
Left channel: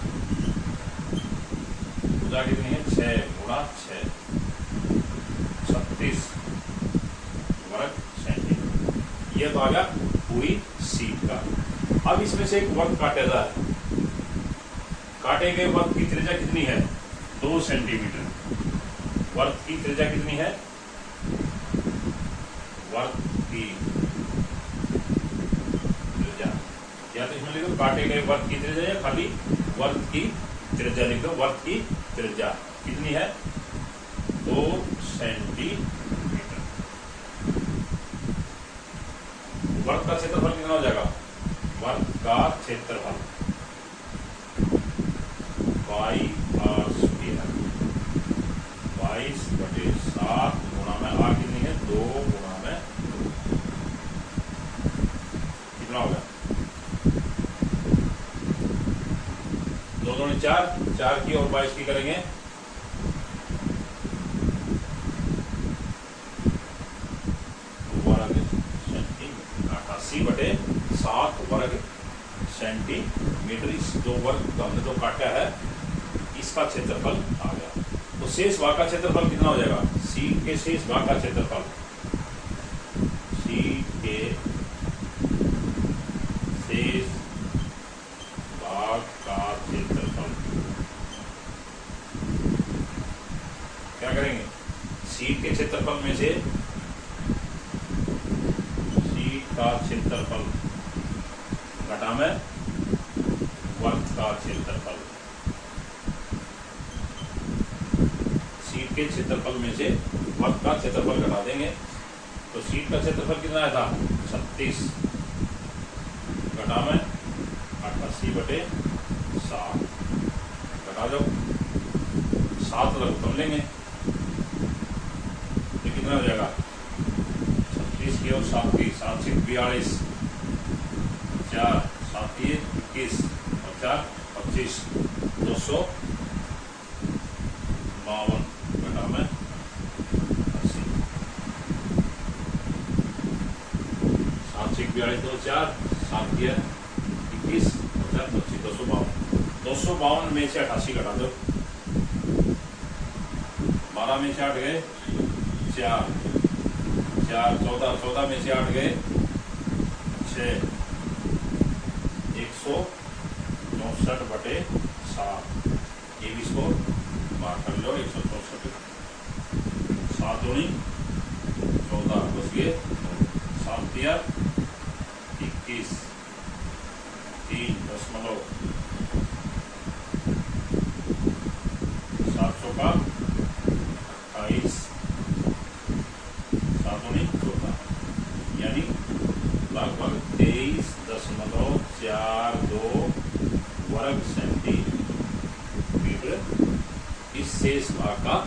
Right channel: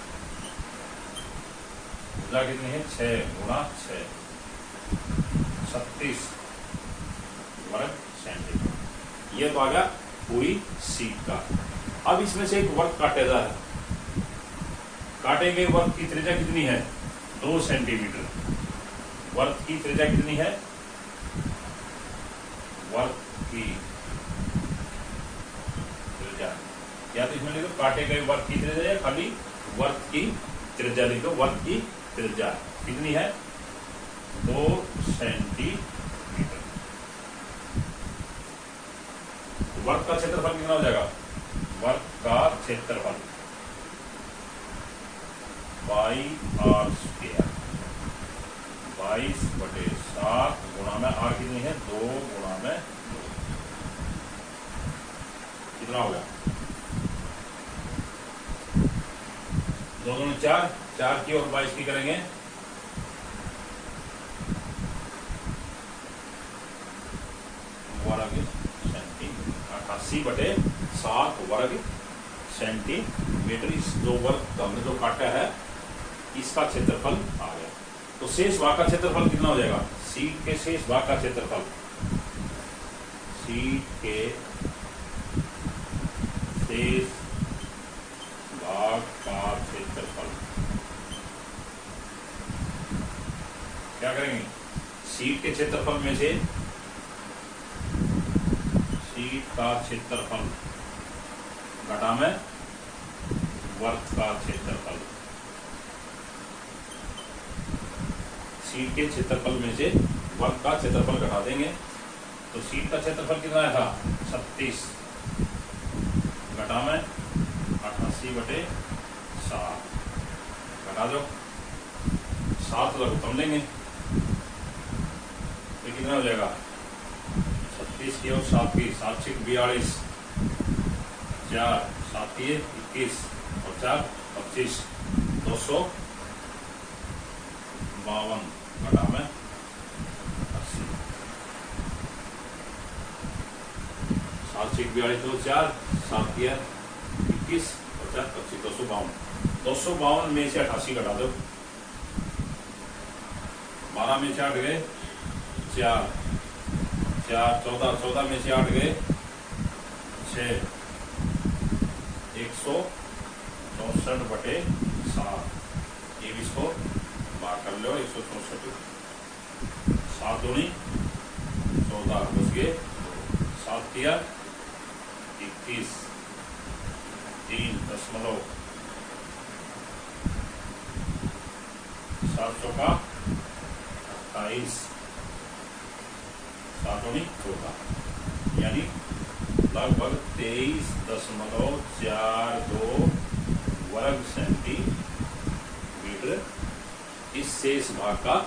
भुजा कितनी है 6 गुणा 6, 36 वर्ग सेंटीमीटर। यह तो आ गया पूरी शीट का। अब इसमें से एक वर्ग काटेगा है, काटे गए वर्ग की त्रिज्या कितनी है 2 सेंटीमीटर। वर्ग की त्रिज्या कितनी है, वर्ग की त्रिज्या, या तो इसमें लिखो काटे गए वर्ग की त्रिज्या या खाली वर्ग की त्रिज्या लिख दो। वर्ग की त्रिज्या कितनी है 2 सेंटीमीटर। वर्ग का क्षेत्रफल कितना हो जाएगा, वर्ग का क्षेत्रफल पाई आर स्क्वायर 22/7 गुणा में आर कितनी है 2 गुणा में 2, कितना होगा 2 दूनी 4, 4 की और 22 की करेंगे 88/7 वर्ग सेंटीमीटर। इस जो वर्ग हमने जो काटा है इसका क्षेत्रफल आ गया। तो शेष भाग का क्षेत्रफल कितना हो जाएगा, शीट के शेष भाग का क्षेत्रफल, शीट के शेष भाग का क्षेत्रफल क्या करेंगे, शीट के क्षेत्रफल में से शीट का क्षेत्रफल घटा में वर्ग का क्षेत्रफल, शीट के क्षेत्रफल में से वर्ग का क्षेत्रफल घटा देंगे। तो शीट का क्षेत्रफल कितना आया था 36 घटा में 88/7 घटा दो 7 लघुत्तम लेंगे तो कितना हो जाएगा 36 की और 7 की 7 से 42, 4 7 21 और 4 25, 252 घटा में 80, 7 से 42 2 4 7 21 और 4 25, 252 में से 88 घटा दो, 12 में से 8 गए 4 4 14 14 में से 8 गए 6, 164/7। ये भी इसको बाहर कर लो 164, 7 दूनी 14 बच गए, 7 तिया 21, 3.7 का लगभग 23.42 वर्ग सेंटीमीटर इस शेष भाग का